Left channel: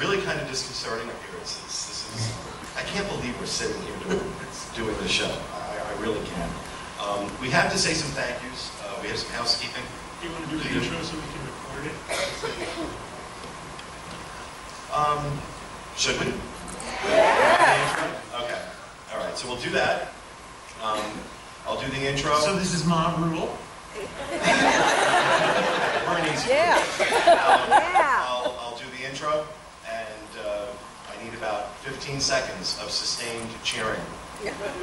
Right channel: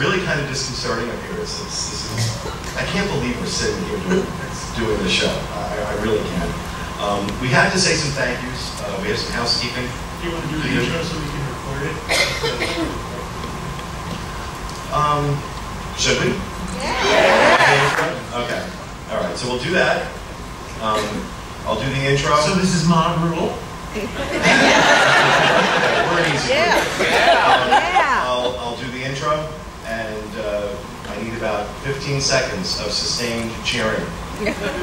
really kind of disconcerting up here. This is, I can't believe we're sitting here doing this show. I really can't. We have to say some thank yous. We have some housekeeping. Do you want to do the intro so we can record it? Should we? Yeah. Okay. All right. So we'll do that. I'll do the intro. So this is Mom Rule. Okay, we're an easy group. I'll do the intro, and I need about 15 seconds of sustained cheering.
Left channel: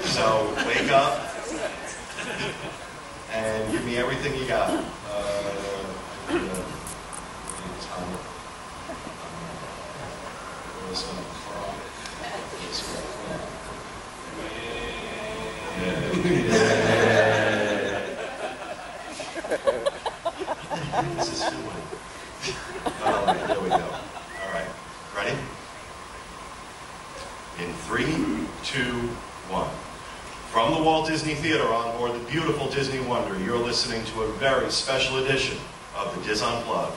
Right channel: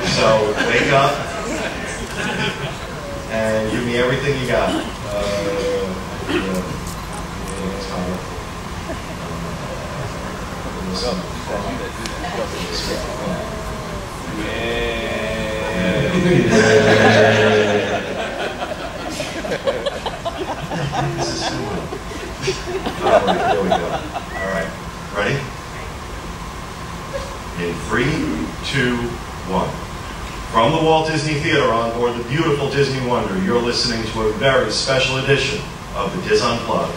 So wake up and give me everything you got. This is fun. All right, there we go. All right, ready? In 3, 2, 1. From the Walt Disney Theater on board the beautiful Disney Wonder, you're listening to a very special edition of the DIS Unplugged.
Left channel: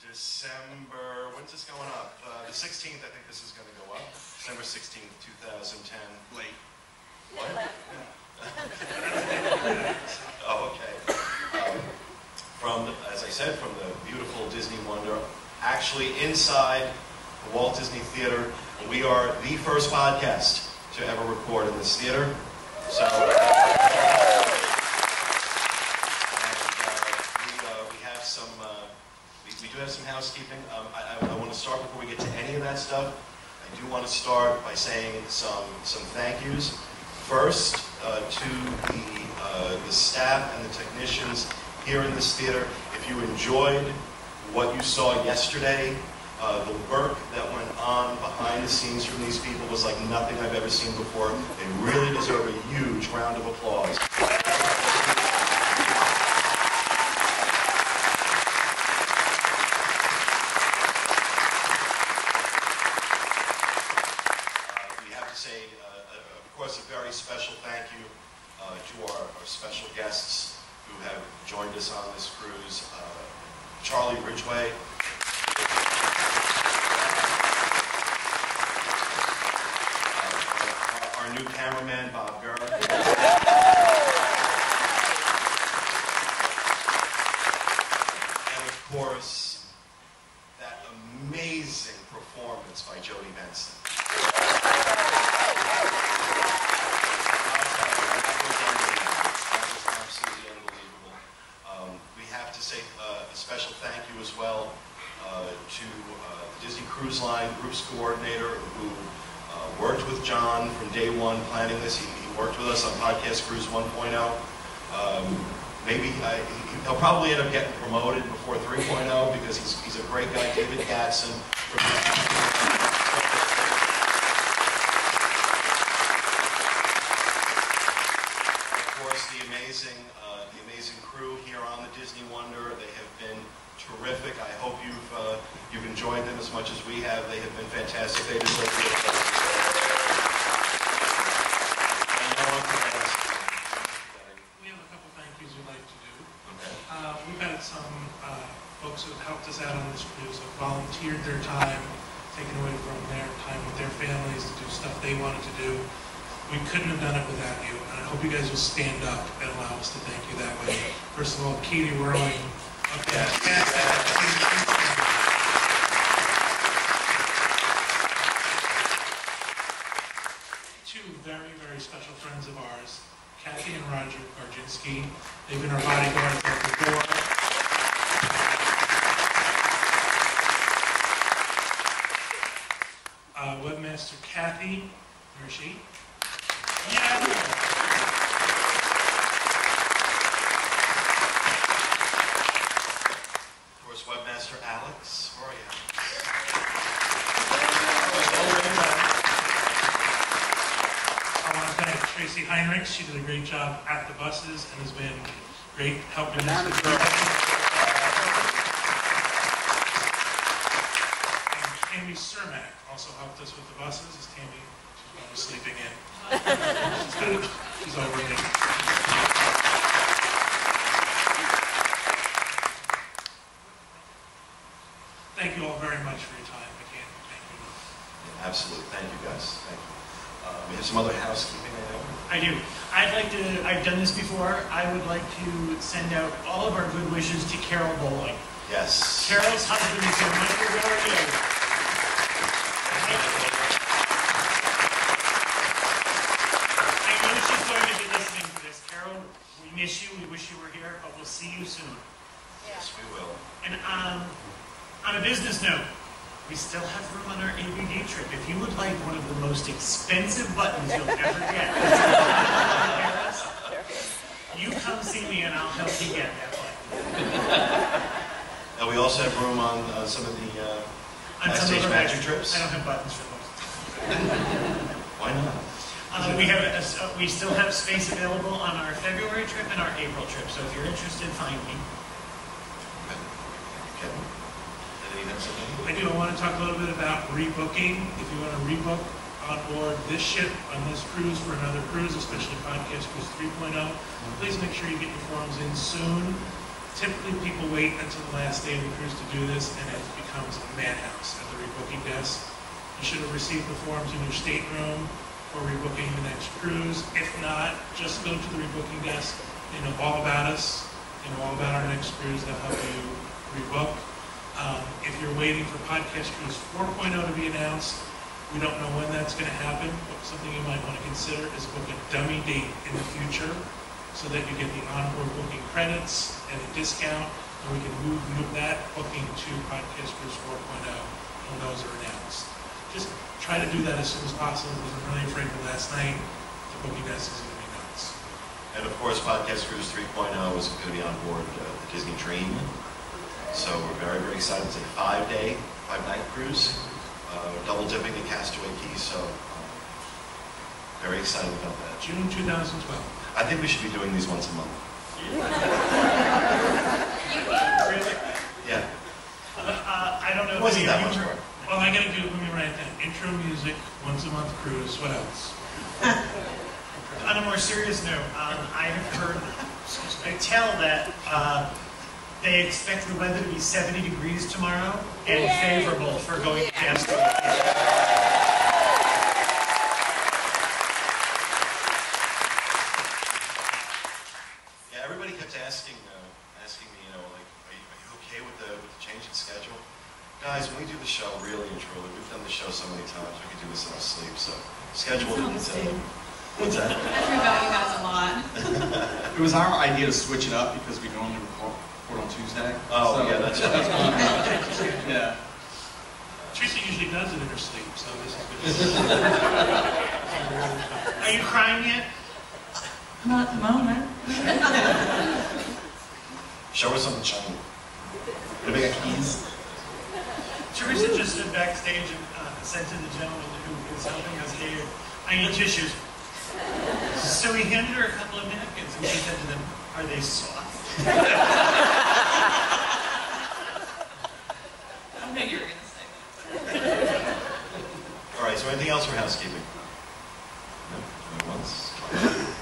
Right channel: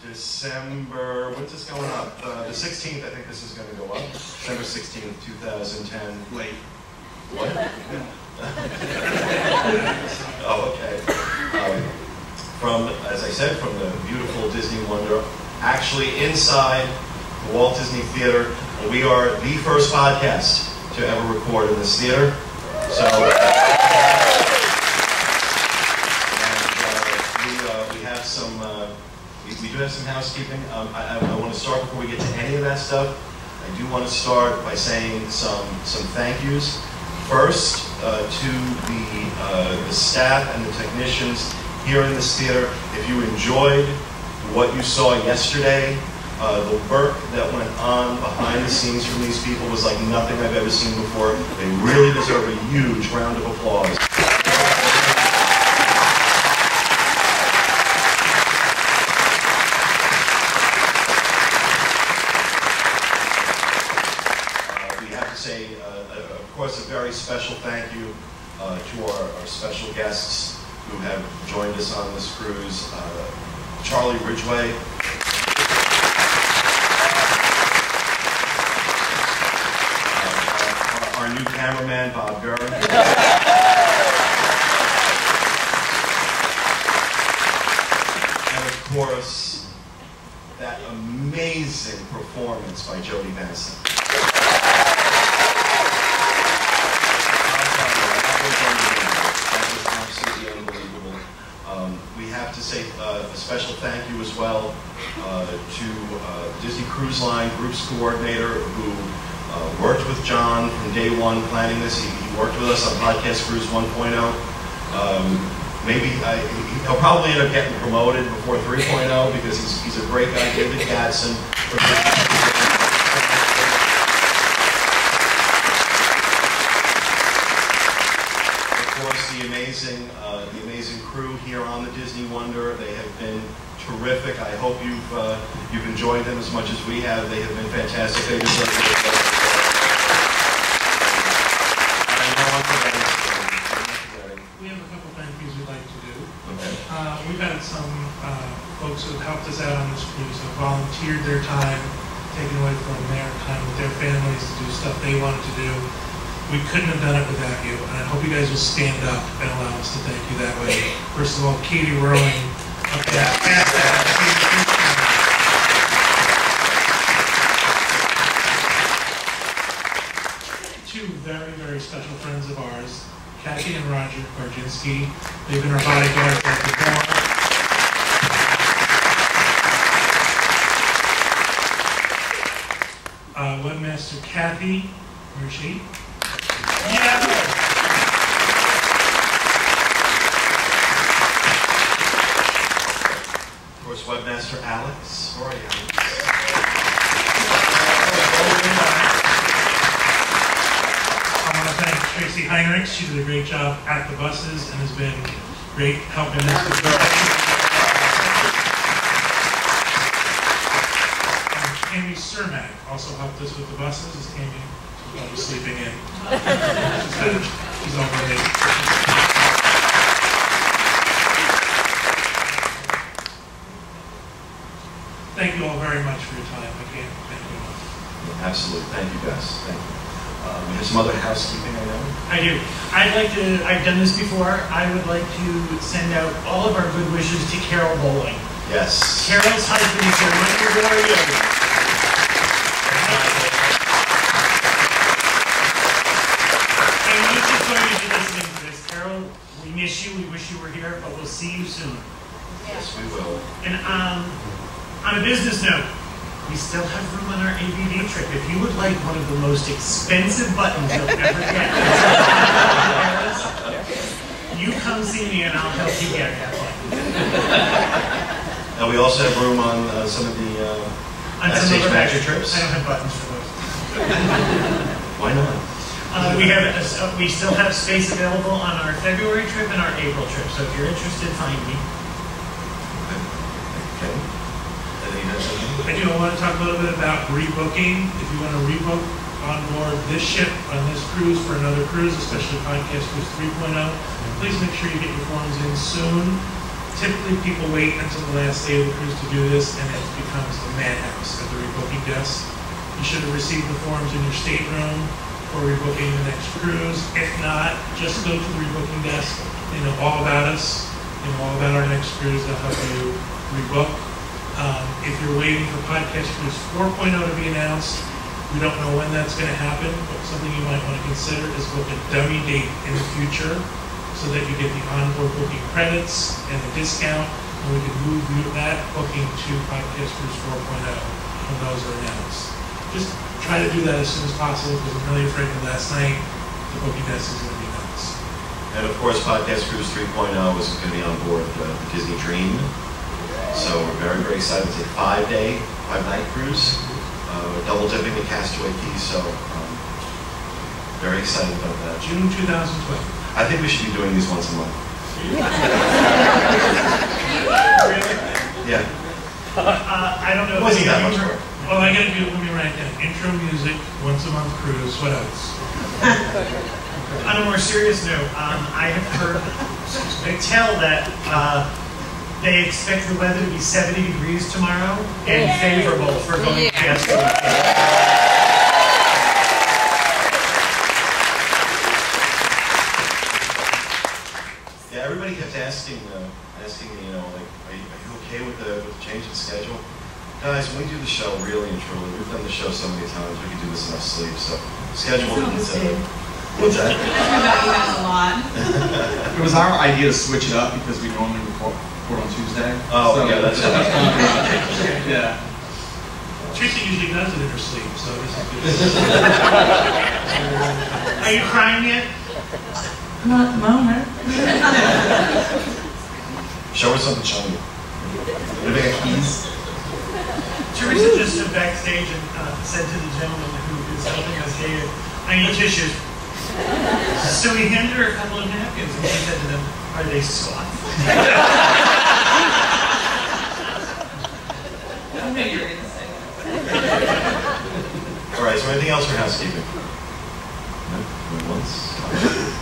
December, when's this going up? The 16th, I think this is going to go up. December 16th, 2010. Late. What? Oh, okay. From, as I said, from the beautiful Disney Wonder, actually inside the Walt Disney Theater. And we are the first podcast to ever record in this theater. So, and we have some. We do have some housekeeping. I want to start before we get to any of that stuff. I do want to start by saying some thank yous. First, to the staff and the technicians here in this theater. If you enjoyed what you saw yesterday, the work that went on behind the scenes from these people was like nothing I've ever seen before. They really deserve a huge round of applause. Of course, a very special thank you to our special guests who have joined us on this cruise. Charlie Ridgway. Our new cameraman, Bob Gurr. And of course, that amazing performance by Jodie Benson. That was absolutely unbelievable. We have to say a special thank you as well to the Disney Cruise Line Groups Coordinator who worked with John from day one planning this. He worked with us on Podcast Cruise 1.0. Maybe he'll probably end up getting promoted before 3.0 because he's a great guy. David Gadsden. The amazing crew here on the Disney Wonder. They have been terrific. I hope you've enjoyed them as much as we have. They have been fantastic. They deserve the applause. And I know I'm forgetting. We have a couple thank yous we'd like to do. Okay. We've had some folks who have helped us out on this cruise, who have volunteered their time, taken away from their time with their families to do stuff they wanted to do. We couldn't have done it without you, and I hope you guys will stand up and allow us to thank you that way. First of all, Katie Rowling up there. Two very, very special friends of ours, Kathy and Roger Garginski. They've been our bodyguards at the door. Webmaster Kathy, where is she? Yeah. Of course, Webmaster Alex. Where are you, Alex? I want to thank Tracy Heinrichs. She did a great job at the buses and has been great help in this. And Tammy Cermak also helped us with the buses. Is Tammy? She's probably sleeping in. She's over me. Thank you all very much for your time. I can't thank you enough. Yeah, absolutely. Thank you, guys. Thank you. We have some other housekeeping, I know. I do. I've done this before. I would like to send out all of our good wishes to Carol Bowling. Yes. Carol's husband is here. Michael, where are you? I know she's going to be listening to this. Carol, we miss you. We wish you were here, but we'll see you soon. Yes, we will. And on a business note, we still have room on our ABD trip. If you would like one of the most expensive buttons you'll ever get, you come see me and I'll help you get that button. And we also have room on some of the backstage magic trips. I don't have buttons for those. Why not? We still have space available on our February trip and our April trip. So if you're interested, find me. Okay. I do. I want to talk a little bit about rebooking. If you want to rebook on board this ship on this cruise for another cruise, especially Podcast Cruise 3.0, please make sure you get your forms in soon. Typically, people wait until the last day of the cruise to do this, and it becomes a madhouse at the rebooking desk. You should have received the forms in your stateroom for rebooking the next cruise. If not, just go to the rebooking desk. They know all about us. They know all about our next cruise. They'll help you rebook. If you're waiting for Podcast Cruise 4.0 to be announced, we don't know when that's going to happen, but something you might want to consider is book a dummy date in the future so that you get the onboard booking credits and the discount, and we can move that booking to Podcast Cruise 4.0 when those are announced. Just try to do that as soon as possible because I'm really afraid that last night the booking desk is going to be nuts. And of course, Podcast Cruise 3.0 is going to be on board the Disney Dream. So we're very, very excited to take a 5-night cruise, double dipping the Castaway Key. So very excited about that. June 2012. I think we should be doing these once a month. Really? Yeah. I don't know. It wasn't that much work. Well, I gotta do, let me write it down. Intro music, once a month cruise, what else? On a more serious note, I have heard, I tell that they expect the weather to be 70 degrees tomorrow and favorable for going past the weekend. Yeah, everybody kept asking me, like, are you okay with the change in schedule? Guys, when we do the show, really and truly, we've done the show so many times, we can do this in our sleep. So, schedule is what's that? I heard about you guys a lot. It was our idea to switch it up because we normally record on Tuesday. Oh, so, yeah, that's right. Yeah. Teresa usually does it in her sleep, so this is good. Are you crying yet? Not at the moment. Show her something shiny. Anybody got keys? Teresa just stood backstage and said to the gentleman who is helping us here, I need tissues. So he handed her a couple of napkins and she said to them, are they soft? I knew you were going to say that. All right, so anything else for housekeeping? No? Going once? Okay.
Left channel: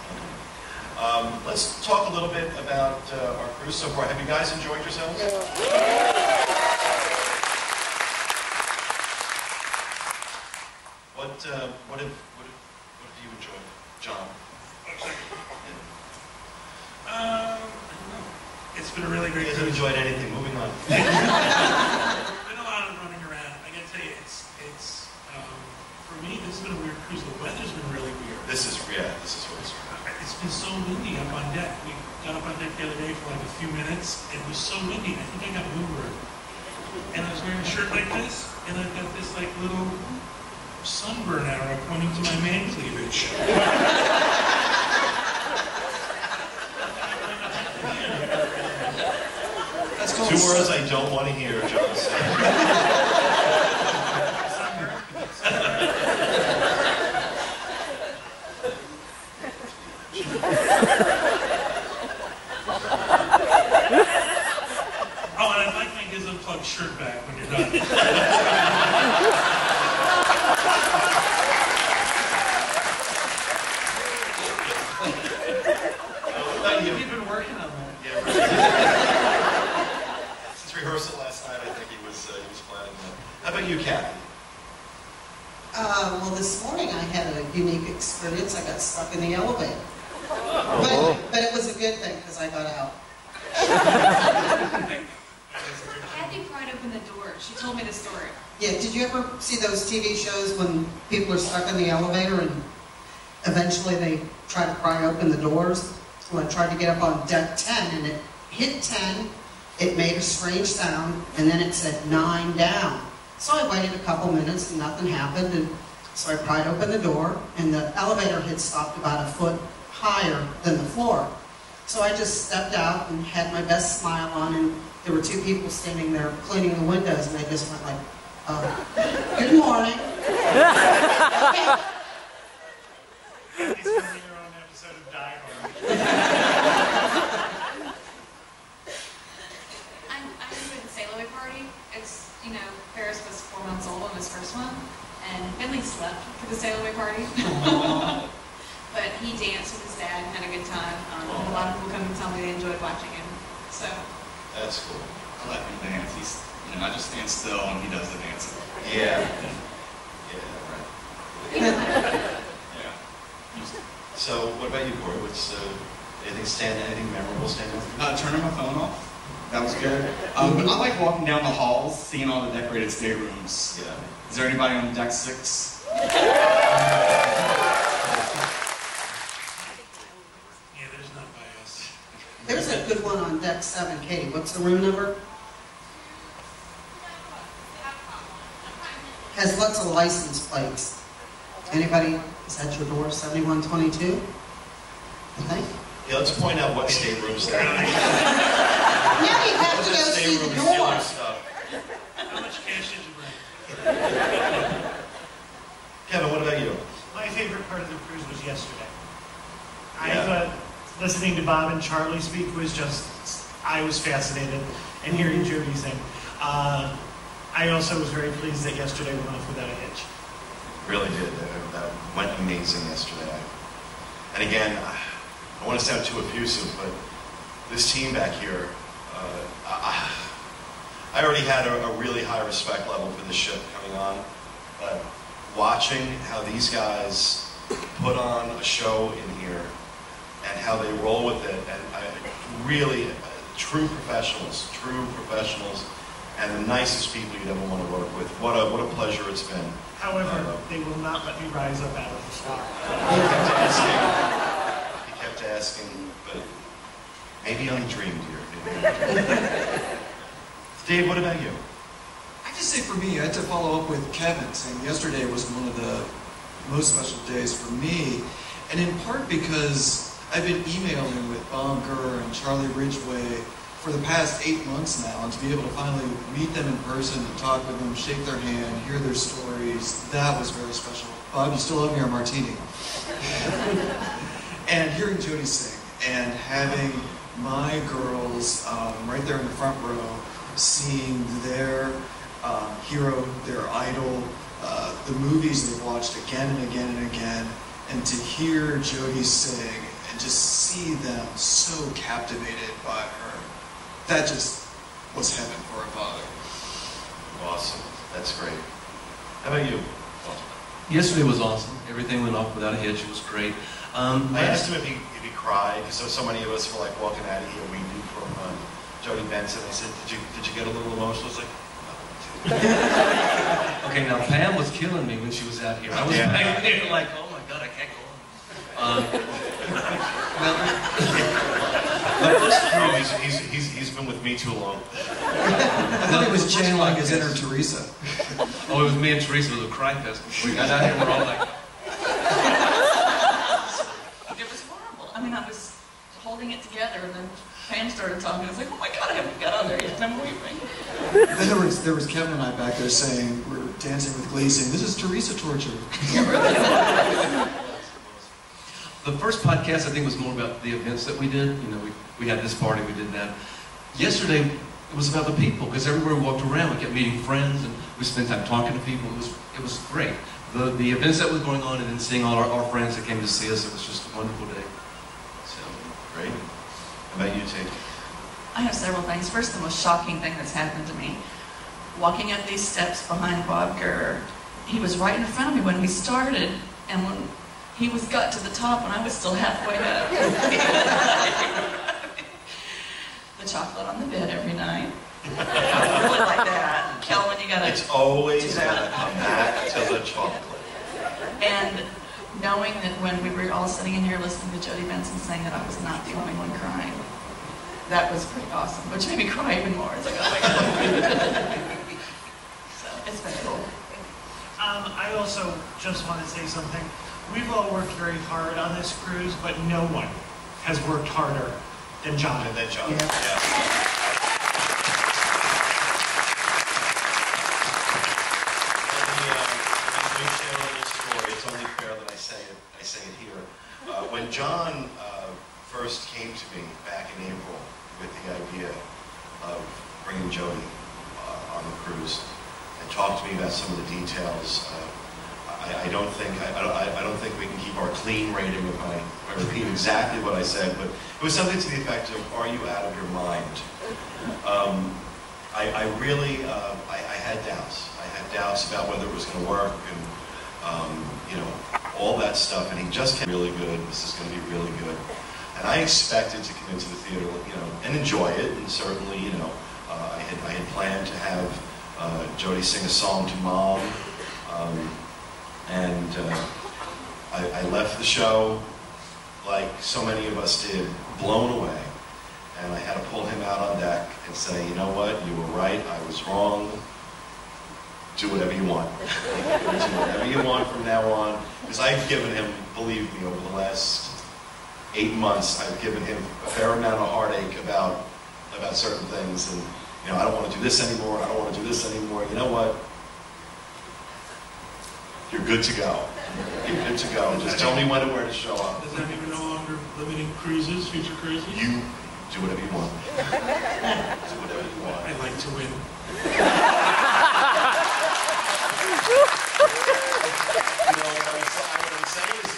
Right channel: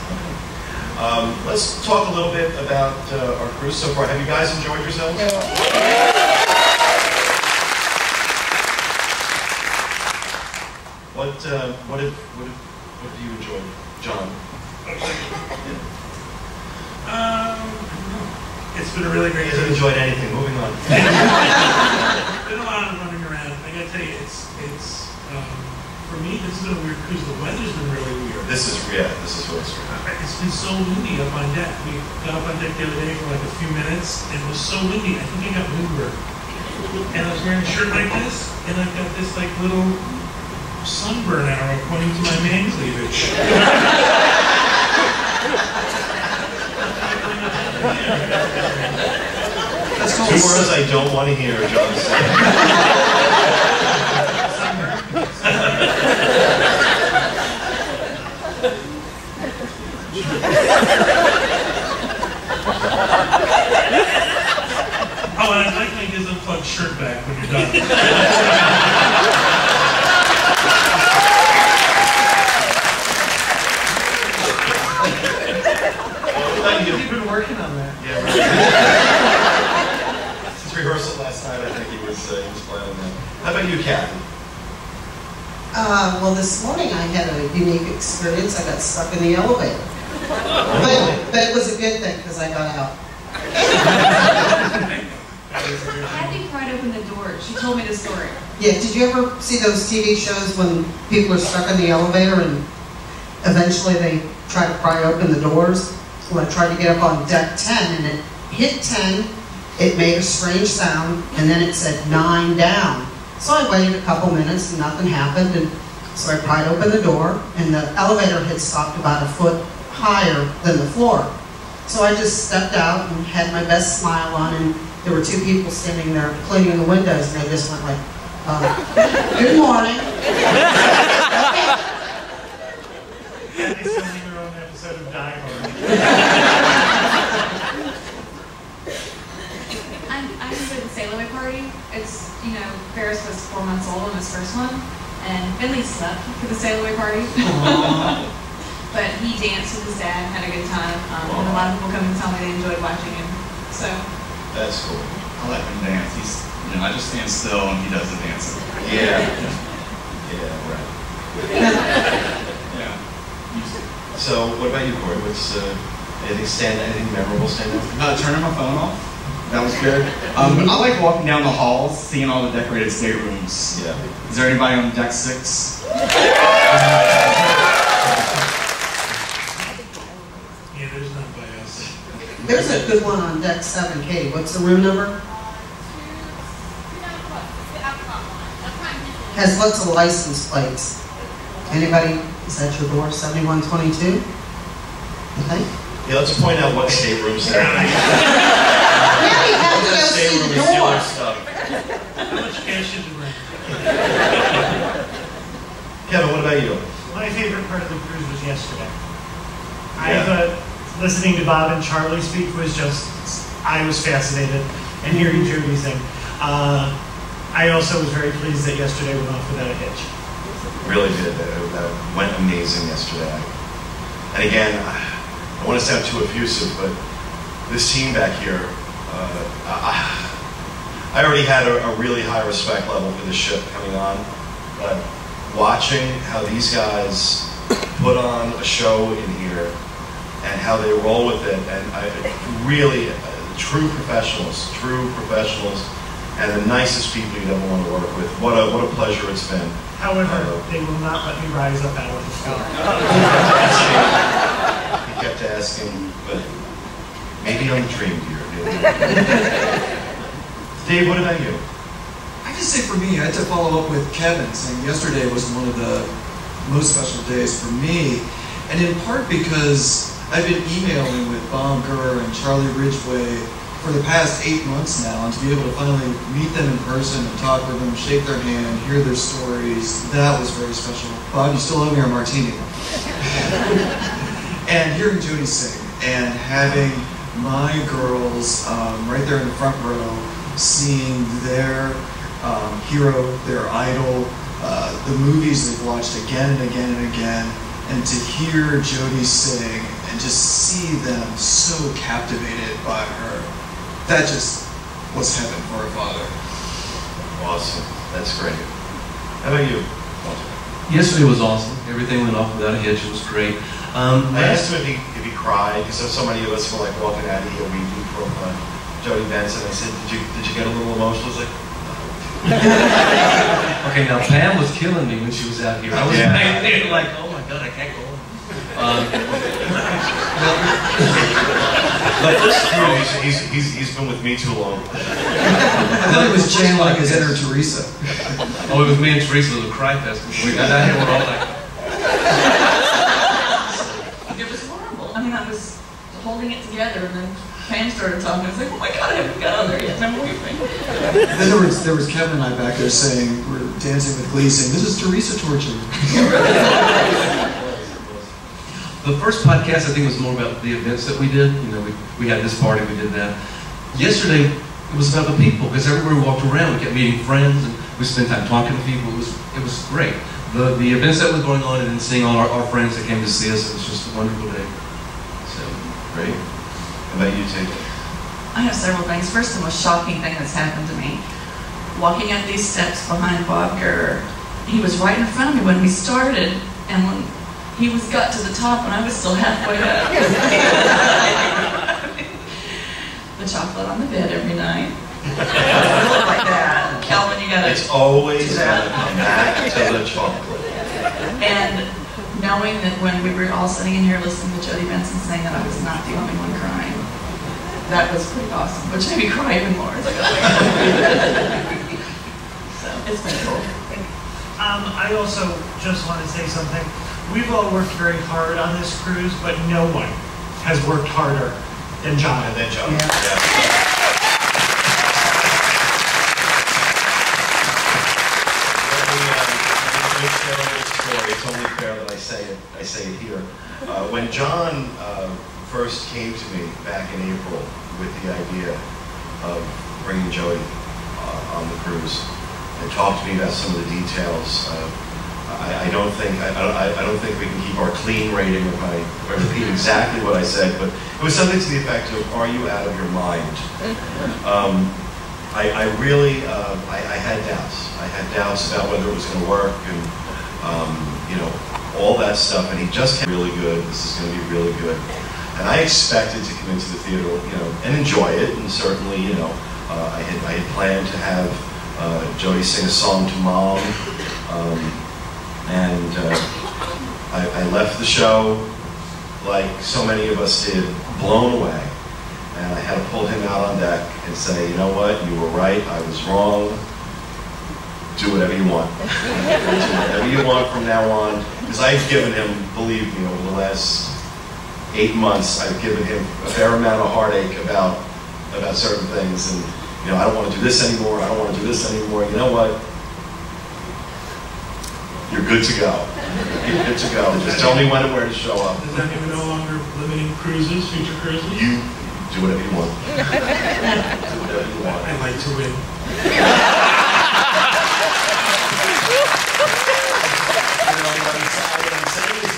Let's talk a little bit about our cruise so far. Have you guys enjoyed yourselves? What have you enjoyed, John? I don't know. It's been a really great You haven't cruise. enjoyed anything. Moving on. It's been a lot of running around. I gotta tell you, it's for me, this has been a weird cruise. The weather's been really weird. This is really strange. It's been so windy up on deck. We got up on deck the other day for like a few minutes, and it was so windy. I think I got windburned. And I was wearing a shirt like this, and I've got this like little sunburn arrow pointing to my man cleavage. That's called 2 words I don't want to hear, John said. about you, Kathy? Well, this morning I had a unique experience. I got stuck in the elevator. Really? But it was a good thing because I got out. Kathy pried open the door. She told me the story. Yeah, did you ever see those TV shows when people are stuck in the elevator and eventually they try to pry open the doors? Well, I tried to get up on deck 10 and it hit 10, it made a strange sound, and then it said 9 down. So I waited a couple minutes and nothing happened, and so I pried open the door, and the elevator had stopped about a foot higher than the floor. So I just stepped out and had my best smile on, and there were 2 people standing there cleaning the windows, and they just went like, good morning. Kathy's filming her own episode of Die Hard. I'm going to the sail away party. It's, you know, Ferris was 4 months old on his first one, and Finley slept for the sail away party. But he danced with his dad and had a good time. And a lot of people come and tell me they enjoyed watching him. So That's cool. I let him dance. He's, you know, I just stand still and he does the dancing. Yeah. Yeah, right. Yeah. So, what about you, Corey? What's anything memorable stand out? Turning my phone off. That was good. I like walking down the halls, seeing all the decorated staterooms. Yeah. Is there anybody on deck 6? Yeah, there's none by us. There's a good one on deck 7, Katie. What's the room number? Has lots of license plates. Anybody? Is that your door? 7122? I think. Yeah, let's point out what staterooms there are. Now you have to go see Stateroom the is stealing door. stuff. How much cash did you bring? Kevin, what about you? My favorite part of the cruise was yesterday. I Yeah. thought listening to Bob and Charlie speak was just, I was fascinated, and hearing Jody sing. I also was very pleased that yesterday went off without a hitch. Really did. That went amazing yesterday. And again, I don't want to sound too effusive, but this team back here, I already had a really high respect level for this ship coming on, but watching how these guys put on a show in here and how they roll with it, and really true professionals, and the nicest people you'd ever want to work with. What a pleasure it's been. However, they will not let me rise up out of the floor. He kept asking, but maybe on the dream, dear. Dave, what about you? I just say for me, I had to follow up with Kevin, saying yesterday was one of the most special days for me, and in part because I've been emailing with Bob Gurr and Charlie Ridgway for the past 8 months now, and to be able to finally meet them in person and talk with them, shake their hand, hear their stories, that was very special. Bob, you still owe me our martini. And hearing Jody sing, and having my girls right there in the front row, seeing their hero, their idol, the movies they've watched again and again and again, and to hear Jody sing and just see them so captivated by her, that just was heaven for a father. Awesome. That's great. How about you? Yesterday was awesome. Everything went off without a hitch. It was great. I asked him if he cried, because so many of us were like walking out of here weeping from Jody Benson. I said, did you get a little emotional? I was like, Okay, now Pam was killing me when she was out here. I was back there like, oh my God, I can't go on. The first he's been with me too long. I thought he was channeling his inner Teresa. Oh, it was me and Teresa. It was a cry fest. We got out here, we're all like, it was horrible. I mean, I was holding it together, and then Pam started talking. I was like, oh my God, I haven't got on there yet, and I'm weeping. Then there was Kevin and I back there saying, we're dancing with Glee, saying, this is Teresa torture. The first podcast, I think, was more about the events that we did. You know, we had this party, we did that. Yesterday, it was about the people, because everywhere we walked around, we kept meeting friends, and we spent time talking to people. It was great. The events that were going on, and then seeing all our friends that came to see us, it was just a wonderful day. So, Great. How about you, Tate? I have several things. First, the most shocking thing that's happened to me. walking up these steps behind Bob Gurr. He was right in front of me when we started, and when he got to the top and I was still halfway up. The chocolate on the bed every night. Really like that. Kelvin, you gotta. It's always gonna come back to the chocolate. And knowing that when we were all sitting in here listening to Jody Benson saying that I was not the only one crying, that was pretty awesome, which made me cry even more. It's like, oh my God. So it's been cool. I also just want to say something. We've all worked very hard on this cruise, but no one has worked harder than John. And then John. Yeah. Yeah. Let me share a little story. It's only fair that I say it here. When John first came to me back in April with the idea of bringing Jody on the cruise and talked to me about some of the details, I don't think we can keep our clean rating if I repeat exactly what I said, but it was something to the effect of, "Are you out of your mind?" I really had doubts. I had doubts about whether it was going to work, and all that stuff. And he just came really good. This is going to be really good. And I expected to come into the theater, and enjoy it. And certainly, I had planned to have Jody sing a song to Mom, I left the show like so many of us did, blown away. And I had to pull him out on deck and say, "You know what? You were right. I was wrong. Do whatever you want. Do whatever you want from now on." Because I've given him, believe me, over the last 8 months, I've given him a fair amount of heartache about certain things. And I don't want to do this anymore. I don't want to do this anymore. You know what? You're good to go. You're good to go. Just tell me when and where to show up. Does that mean we're no longer limiting cruises, future cruises? You do whatever you want. Do whatever you want. I like to win. What I'm saying is,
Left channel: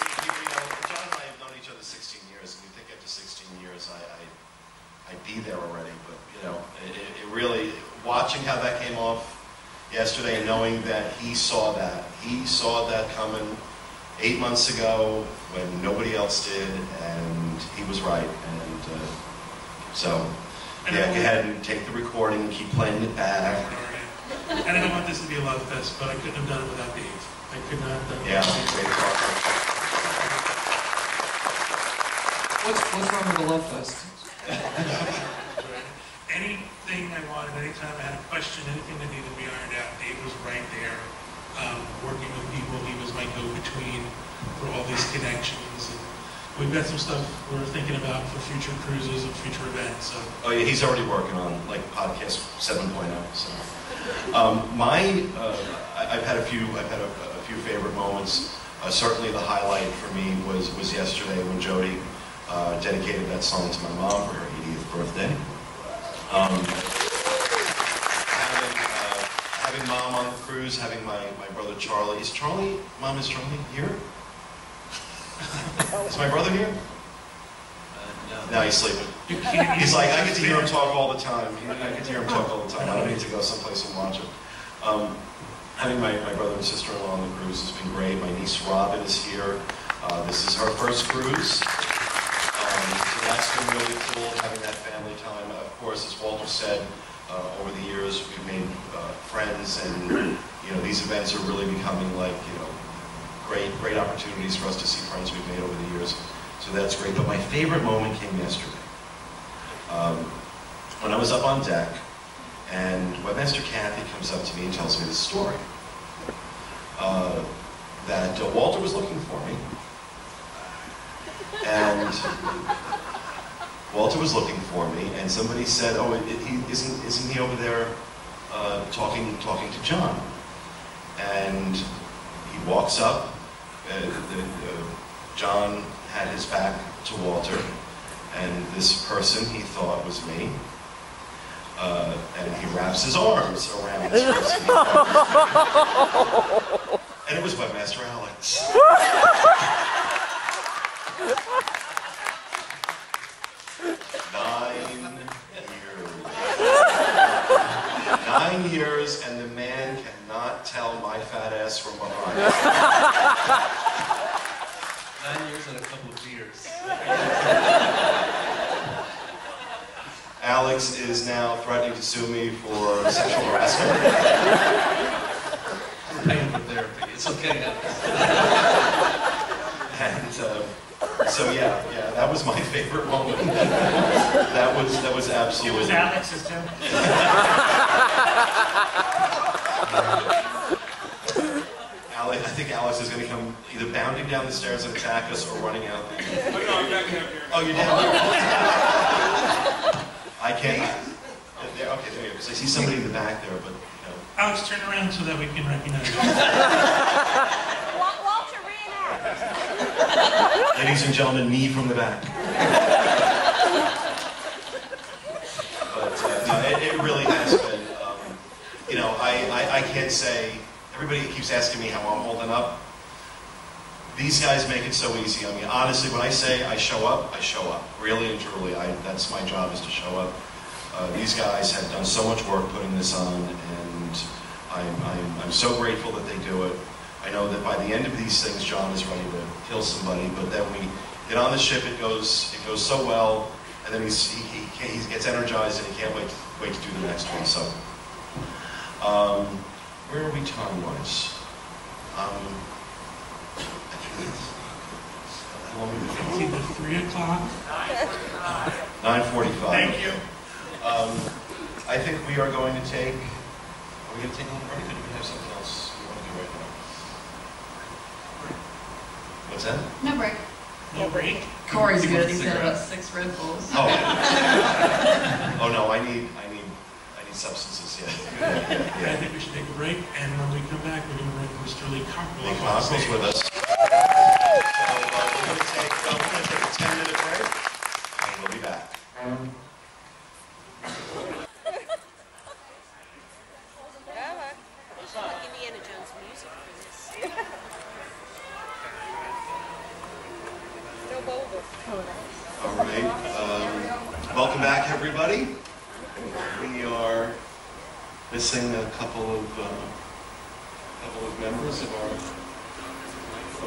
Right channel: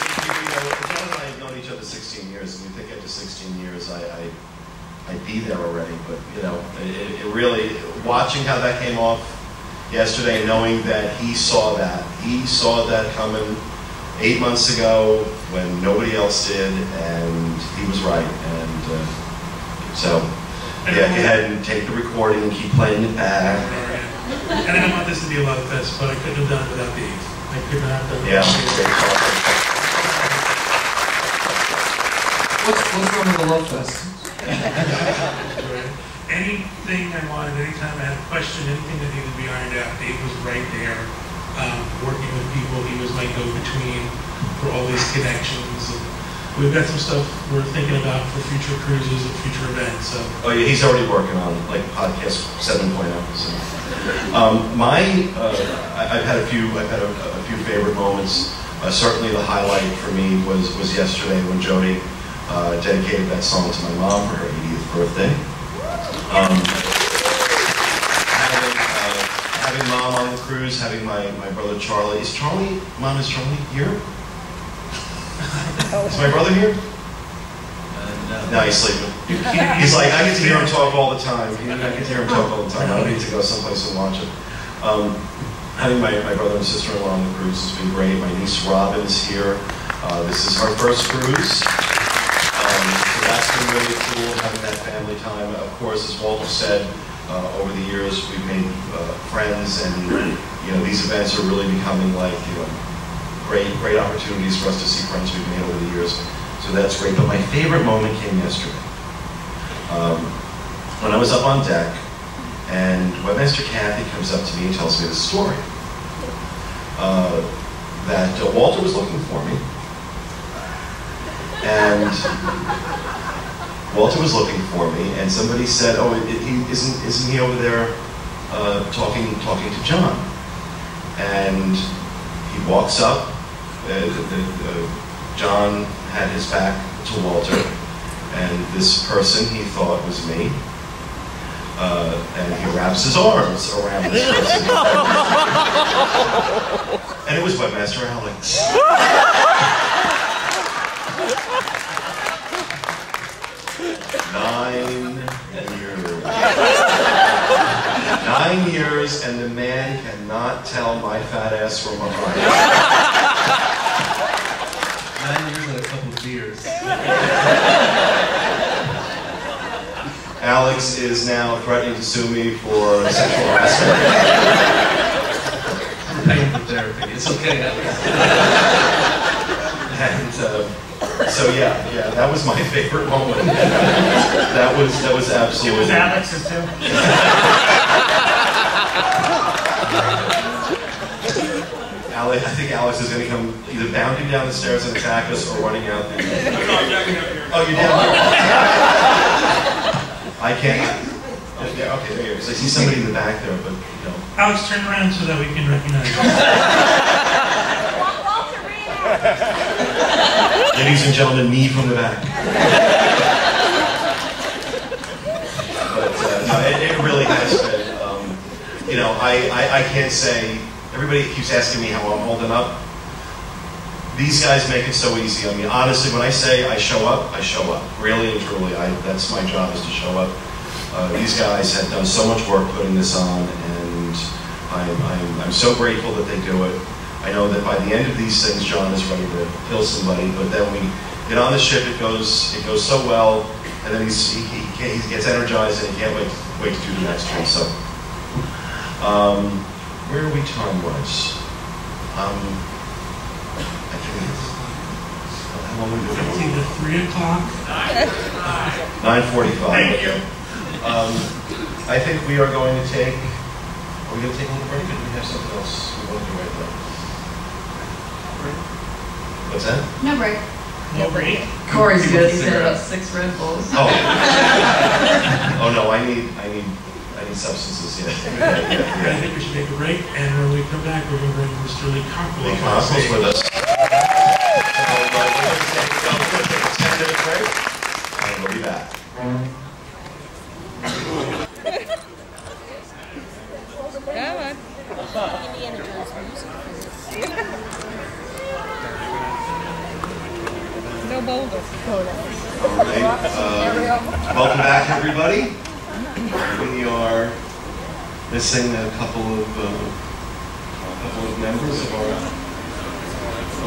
John and I have known each other 16 years, and we think after 16 years I'd be there already. But it really, watching how that came off yesterday, knowing that he saw that coming 8 months ago when nobody else did, and he was right. And so, go ahead and take the recording and keep playing it back. And I don't want this to be a love fest, but I couldn't have done it without Dave. I could not have done it Yeah, without great Dave. What's wrong with the love fest? Anything I wanted, anytime I had a question, anything that needed to be ironed out, Dave was right there, working with people. He was my go-between for all these connections. And we've got some stuff we're thinking about for future cruises and future events. So. Oh yeah, he's already working on podcast 7.0. So, I've had a few favorite moments. Certainly the highlight for me was yesterday when Jody dedicated that song to my mom for her 80th birthday. Having Mom on the cruise, having my brother Charlie. Is Charlie here? Is my brother here? No, he's sleeping. He's like, I get to hear him talk all the time. I get to hear him talk all the time. I don't need to go someplace and watch him. Having my brother and sister-in-law on the cruise has been great. My niece Robin is here. This is her first cruise. So that's been really cool, having that family time. Of course, as Walter said, over the years we've made friends, and these events are really becoming great opportunities for us to see friends we've made over the years. So that's great. But my favorite moment came yesterday. When I was up on deck, and Webmaster Kathy comes up to me and tells me this story. That Walter was looking for me. And Walter was looking for me, and somebody said, "Oh, isn't he over there talking to John?" And he walks up. John had his back to Walter, and this person he thought was me. And he wraps his arms around this person. And it was Webmaster Alex. 9 years. 9 9 years, and the man cannot tell my fat ass from behind. 9 years and a couple of beers. Alex is now threatening to sue me for sexual harassment. We're paying for therapy. It's okay, Alex. And so yeah, that was my favorite moment. That was absolutely. It was Alex's too. I think Alex is going to come either bounding down the stairs and attack us or running out. No, I'm backing up here. Oh, you're down here. I can't. Okay, there you go. Because I see somebody in the back there, but you know. Alex, turn around so that we can recognize you. Walter reenact. Ladies and gentlemen, me from the back. But no, it really has been. You know, I can't say. Everybody keeps asking me how I'm holding up. These guys make it so easy. I mean, honestly, when I say I show up, I show up. Really and truly, that's my job, is to show up. These guys have done so much work putting this on, and I'm so grateful that they do it. I know that by the end of these things, John is ready to kill somebody, but then we get on the ship, it goes so well, and then he gets energized and he can't wait to do the next one. So, where are we time-wise? I can't. How long are we doing? It's either 3 o'clock. 9:45. Thank you. I think we are going to take. Are we going to take a little break, or do we have something else we want to do right now? What's that? No break. No break. Corey's good. He's had about 6 Red Bulls. Oh. Oh no, I need substances. Yeah. I think we should take a break, and when we come back, we're going to bring Mr. Lee Cockerell. Lee Cockerell's with us. So we're going to take a 10-minute break, and we'll be back. Indiana Jones music for this. No boulders. All right. Welcome back, everybody. We are missing a couple of members of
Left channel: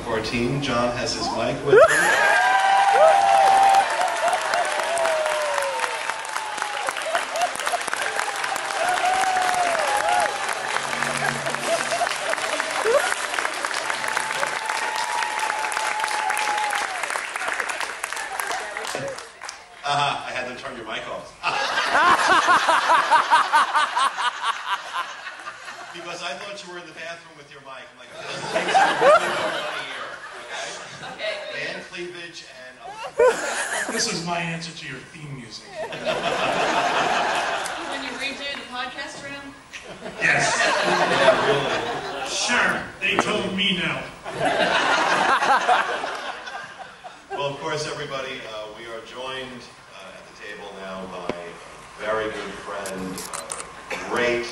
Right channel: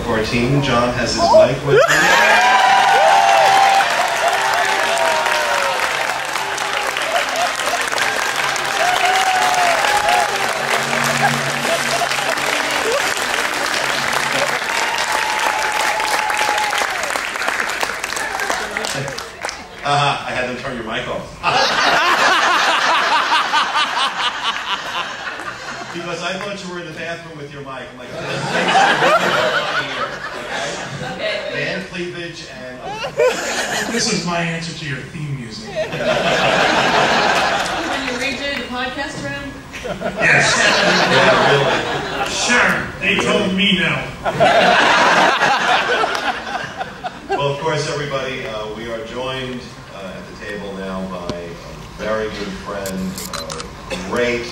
our team. John has his mic with him. I had them turn your mic off. Because I thought you were in the bathroom with your mic. I'm like, those things I really don't want to hear. Okay? Band cleavage and. This is my answer to your theme music. When you redo the podcast room? Yes. Yeah, really. Sure. They told me no. Well, of course, everybody, we are joined at the table now by a very good friend, great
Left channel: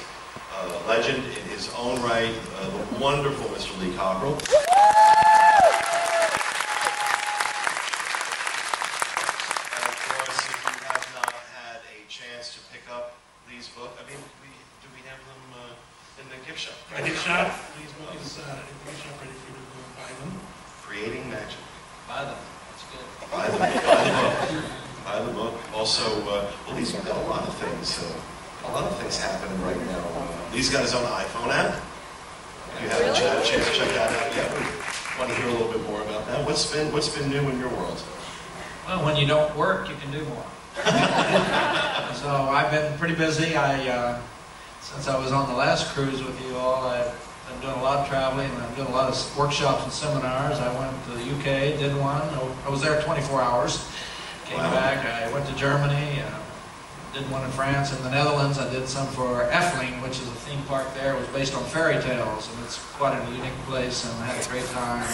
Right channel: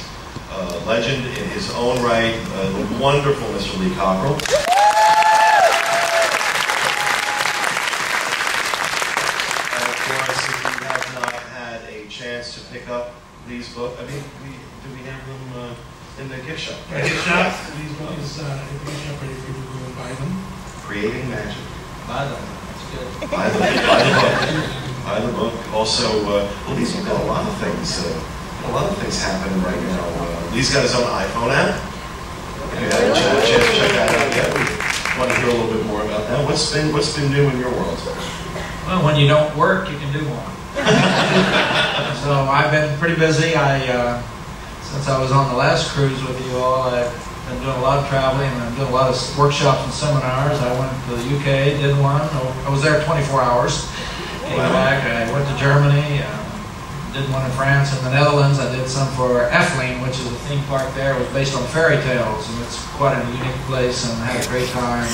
legend in his own right, the wonderful Mr. Lee Cockerell. And of course, if you have not had a chance to pick up Lee's book, I mean, do we have them in the gift shop? Right? Gift shop. Lee's book is in the gift shop, ready for you to go and buy them. Creating Magic. Buy them. That's good. Buy the book. Buy the book. Also, well, Lee's got a lot of things. A lot of things happening right now. Lee's got his own iPhone app. If you haven't had a chance to check that out yet, we want to hear a little bit more about that. What's been new in your world? Well, when you don't work, you can do more. So I've been pretty busy. Since I was on the last cruise with you all, I've been doing a lot of traveling, and I'm doing a lot of workshops and seminars. I went to the UK, did one. I was there 24 hours. Came back. I went to Germany. Did one in France and the Netherlands. I did some for Efteling, which is a theme park there. It was based on fairy tales, and it's quite a unique place, and I had a great time.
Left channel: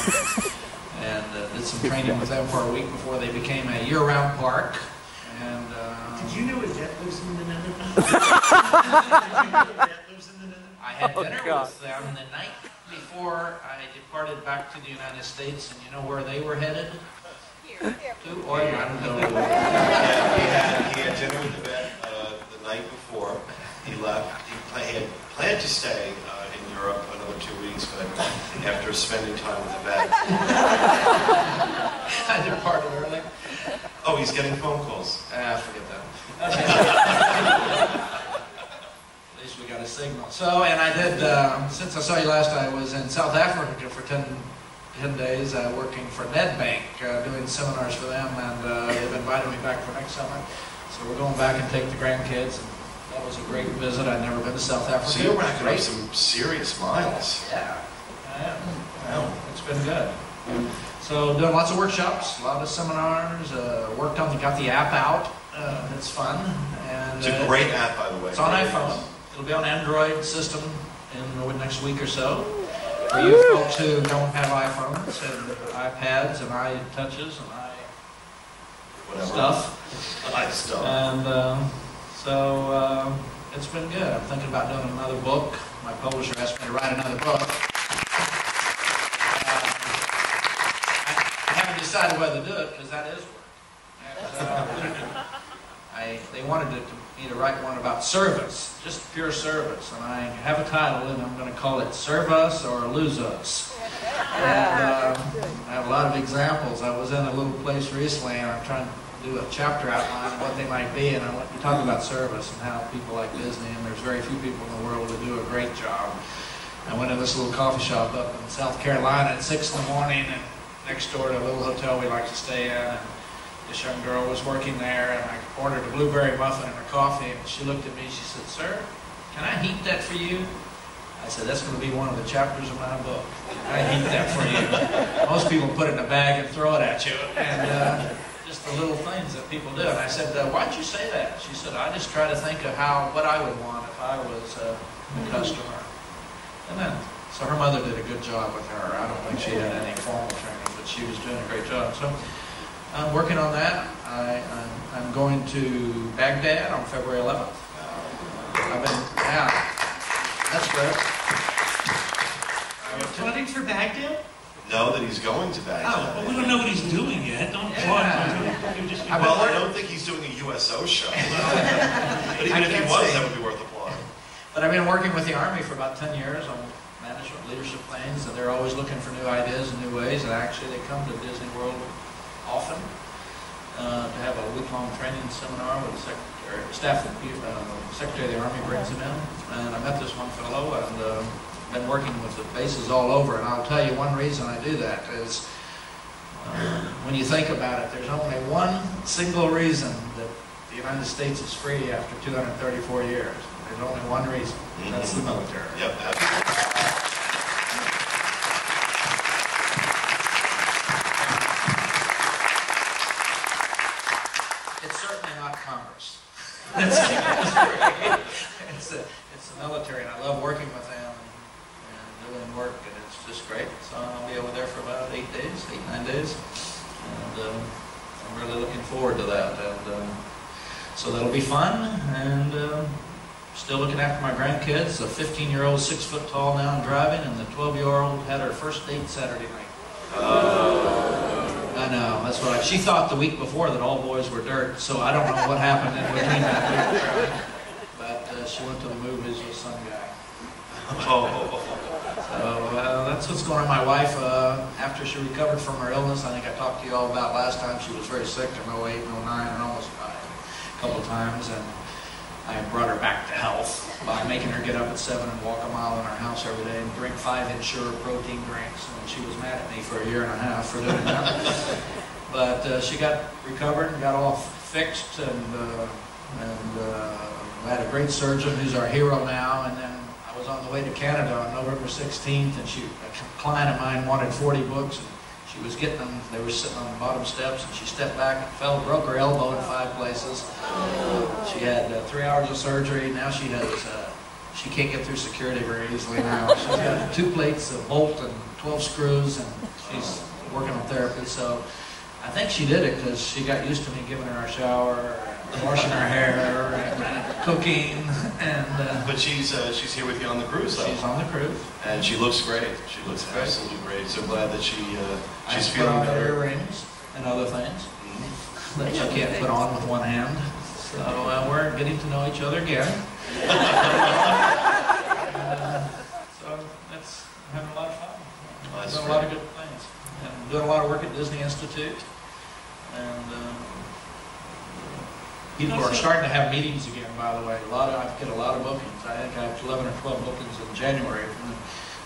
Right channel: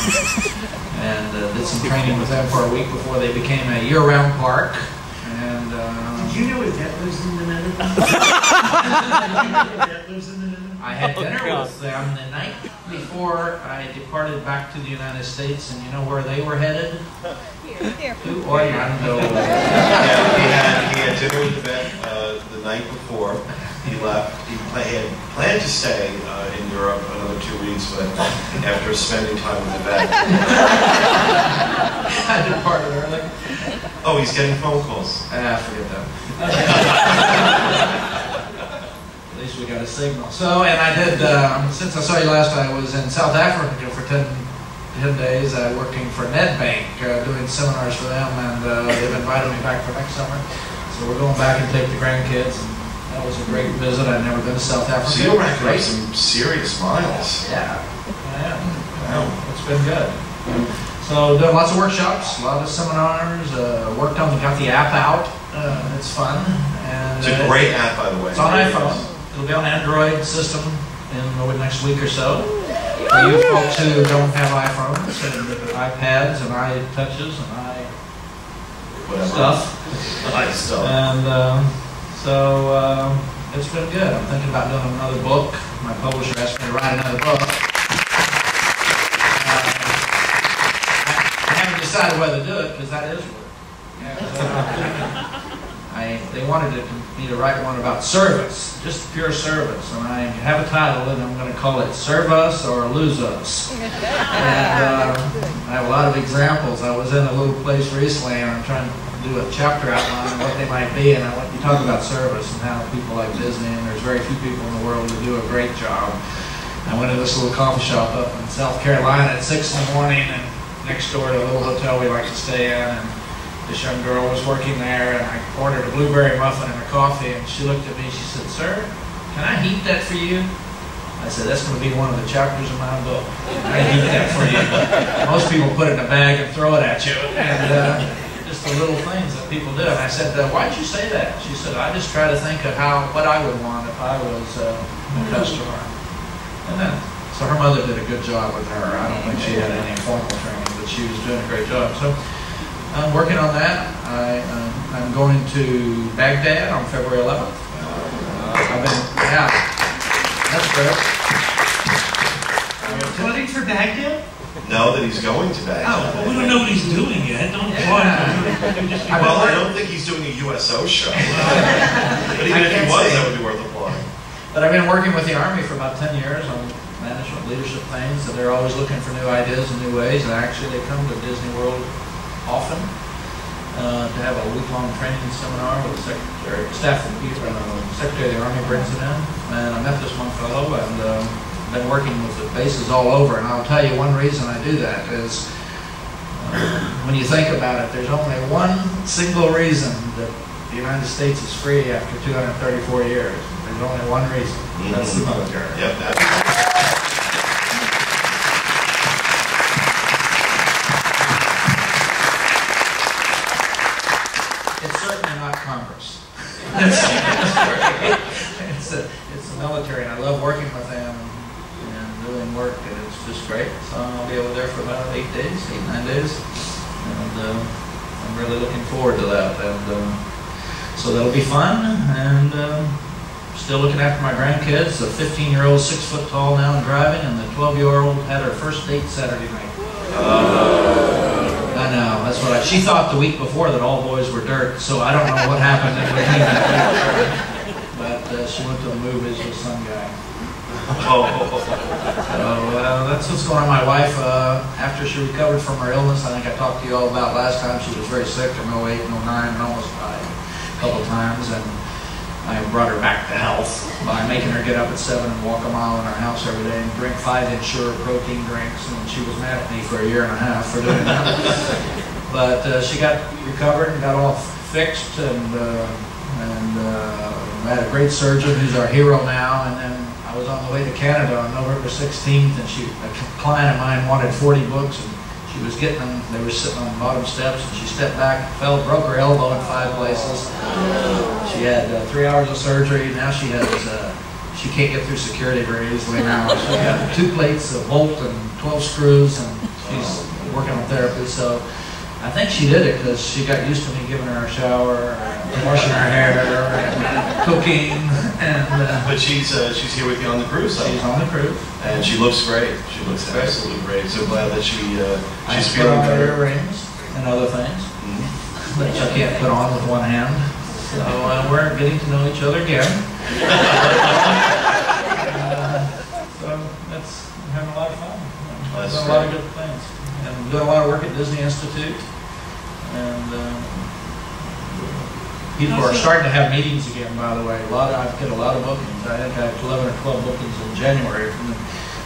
And did some training with them for a week before they became a year-round park. And did you know his dad lives in the Netherlands? Did you know his dad lives in the Netherlands? I had dinner with them the night before I departed back to the United States, and you know where they were headed? To Orlando. Yeah, he had dinner with the night before. He left. He had planned to stay in Europe another 2 weeks, but after spending time with the vet, I departed early. oh, he's getting phone calls. Forget that. At least we got a signal. So, and I did, since I saw you last, I was in South Africa for 10 days working for Nedbank, doing seminars for them, and they've invited me back for next summer. So we're going back and take the grandkids, and that was a great visit. I'd never been to South Africa. So you're racking up some serious miles. Yeah, I am. Wow. It's been good. So doing lots of workshops, a lot of seminars, worked on, got the app out. It's fun. And it's a great app, by the way. It's on iPhone. It'll be on Android system in the next week or so. For you folks who don't have iPhones and iPads and iTouches and stuff. And so it's been good. I'm thinking about doing another book. My publisher asked me to write another book. I haven't decided whether to do it because that is work. They wanted me to write one about service, just pure service, and I have a title, and I'm going to call it "Serve Us or Lose Us." And I have a lot of examples. I was in a little place recently, and I'm trying to do a chapter outline of what they might be, and you talk about service and how people like Disney, and there's very few people in the world who do a great job. I went to this little coffee shop up in South Carolina at 6 in the morning, and next door to a little hotel we like to stay in, and this young girl was working there, and I ordered a blueberry muffin and a coffee, and she looked at me, she said, "Sir, can I heat that for you?" I said, "That's going to be one of the chapters of my book. Can I heat that for you?" Most people put it in a bag and throw it at you, and just the little things that people do. And I said, "Why'd you say that?" She said, "I just try to think of what I would want if I was a customer." And then, so her mother did a good job with her. I don't think she had any formal training, but she was doing a great job. So I'm working on that. I'm going to Baghdad on February 11th. That's great. You're flooding for Baghdad? No, that he's going to Baghdad. Oh, well, we don't know what he's doing yet. Don't applaud him. Well, I don't think he's doing a USO show. But even if he was, that would be worth applauding. But I've been working with the Army for about 10 years on management leadership things, and they're always looking for new ideas and new ways, and actually they come to Disney World often to have a week-long training seminar with the Secretary of the Army brings it in. And I met this one fellow, and been working with the bases all over, and I'll tell you one reason I do that is when you think about it, there's only one single reason that the United States is free after 234 years. There's only one reason. That's the military. Yep. It's certainly not Congress. It's the military, and I love working with them and doing work, and it's just great. So I'll be over there for about 8 days, 8-9 days, and I'm really looking forward to that. And so that'll be fun, and still looking after my grandkids. The 15-year-old 6 foot tall now and driving, and the 12-year-old had her first date Saturday night. I know, that's what she thought the week before that all boys were dirt, so I don't know what happened in between that week. But she went to the movies with some guy. So that's what's going on. My wife, after she recovered from her illness, I think I talked to you all about last time, she was very sick in 08 and 09 and almost died a couple of times, and I brought her back to health by making her get up at 7 and walk a mile in our house every day and drink 5 Ensure protein drinks, and she was mad at me for a year and a half for doing that. But she got recovered and got all fixed, and we had a great surgeon who's our hero now. And then I was on the way to Canada on November 16th, and a client of mine wanted 40 books, and she was getting them. They were sitting on the bottom steps, and she stepped back, fell, broke her elbow in 5 places. She had 3 hours of surgery. Now she has, she can't get through security very easily now. She's got 2 plates of bolt and 12 screws, and she's working on therapy. So I think she did it because she got used to me giving her a shower, washing her hair, and cooking. And but she's here with you on the cruise. She's on the cruise, and she looks great. She looks absolutely great. So glad that she's feeling better. Earrings and other things that she can't put on with one hand. So we're getting to know each other again. So that's having a lot of fun. That's Doing a lot of good things. And doing a lot of work at Disney Institute. And people are starting to have meetings again, by the way. I've got a lot of bookings. I think I had 11 or 12 bookings in January.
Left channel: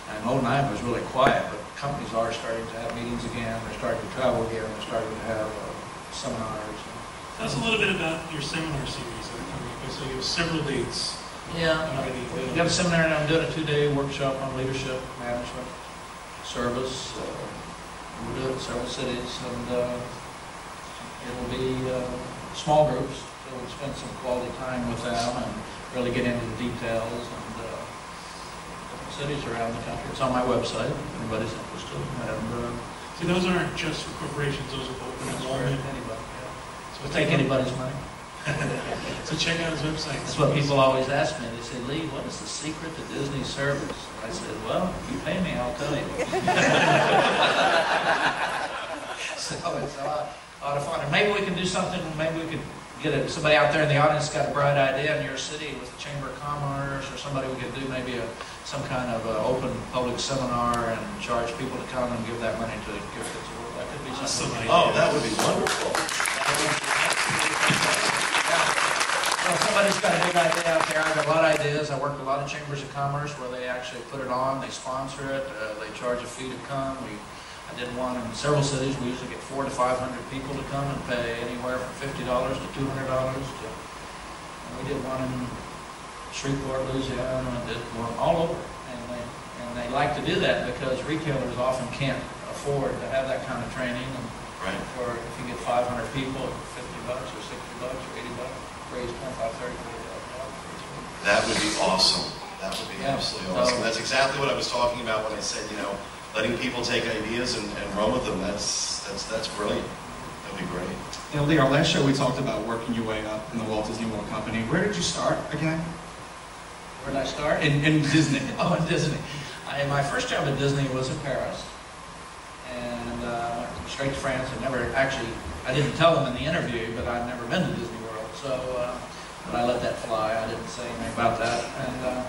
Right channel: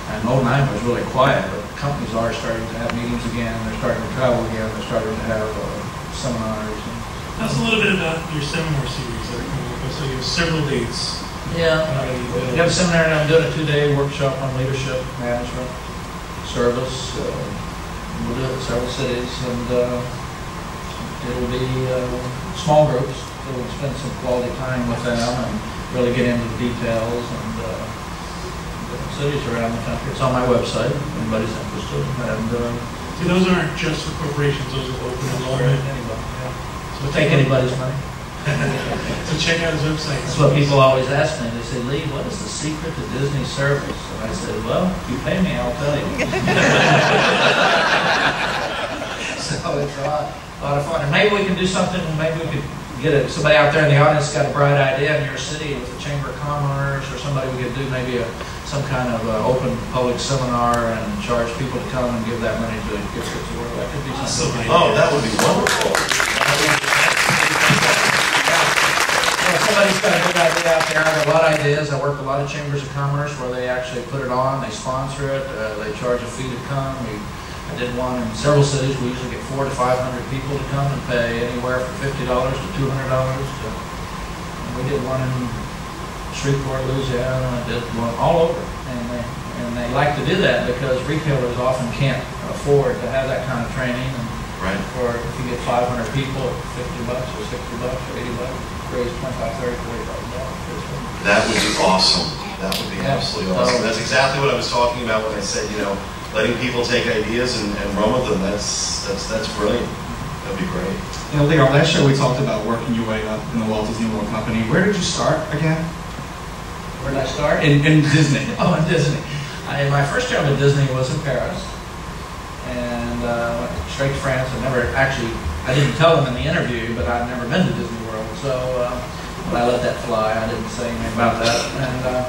And 09 was really quiet, but companies are starting to have meetings again. They're starting to travel again. They're starting to have seminars. Tell us a little bit about your seminar series that are coming up. So you have several dates. Yeah. We got a seminar, and I'm doing a 2-day workshop on leadership, management, service. We'll do it in several cities, and it'll be small groups. So we'll spend some quality time with them and really get into the details and different cities around the country. It's on my website if anybody's interested. And see, those aren't just for corporations; those are open enrollment. Anybody, yeah. So we'll take anybody's money. So check out his website. That's what people always ask me. They say, Lee, what is the secret to Disney service? And I said, well, if you pay me, I'll tell you. So it's a lot of fun. And maybe we can do something, maybe we could get somebody out there in the audience got a bright idea in your city with the Chamber of Commerce or somebody. We could do maybe some kind of open public seminar and charge people to come and give that money to gift kids to work. That could be something. Oh, that would be wonderful. So if somebody's got a big idea out there, I've got a lot of ideas. I work with a lot of chambers of commerce where they actually put it on, they sponsor it, they charge a fee to come. I did one in several cities. We usually get 400 to 500 people to come and pay anywhere from $50 to $200. And we did one in Shreveport, Louisiana. I did one all over. And they like to do that because retailers often can't afford to have that kind of training. And right. Or if you get 500 people at $50 or $60 or $80, raise $25,000, $30,000, $40,000. That would be awesome. That would be absolutely awesome. That's exactly what I was talking about when I said, letting people take ideas and run with them. That's brilliant. That'd be great. Lee, our last show we talked about working your way up in the Walt Disney World Company. Where did you start again? Where did I start? In Disney. Oh, in Disney. My first job at Disney was in Paris, and went straight to France. I didn't tell them in the interview, but I'd never been to Disney World, so but I let that fly. I didn't say anything about that, and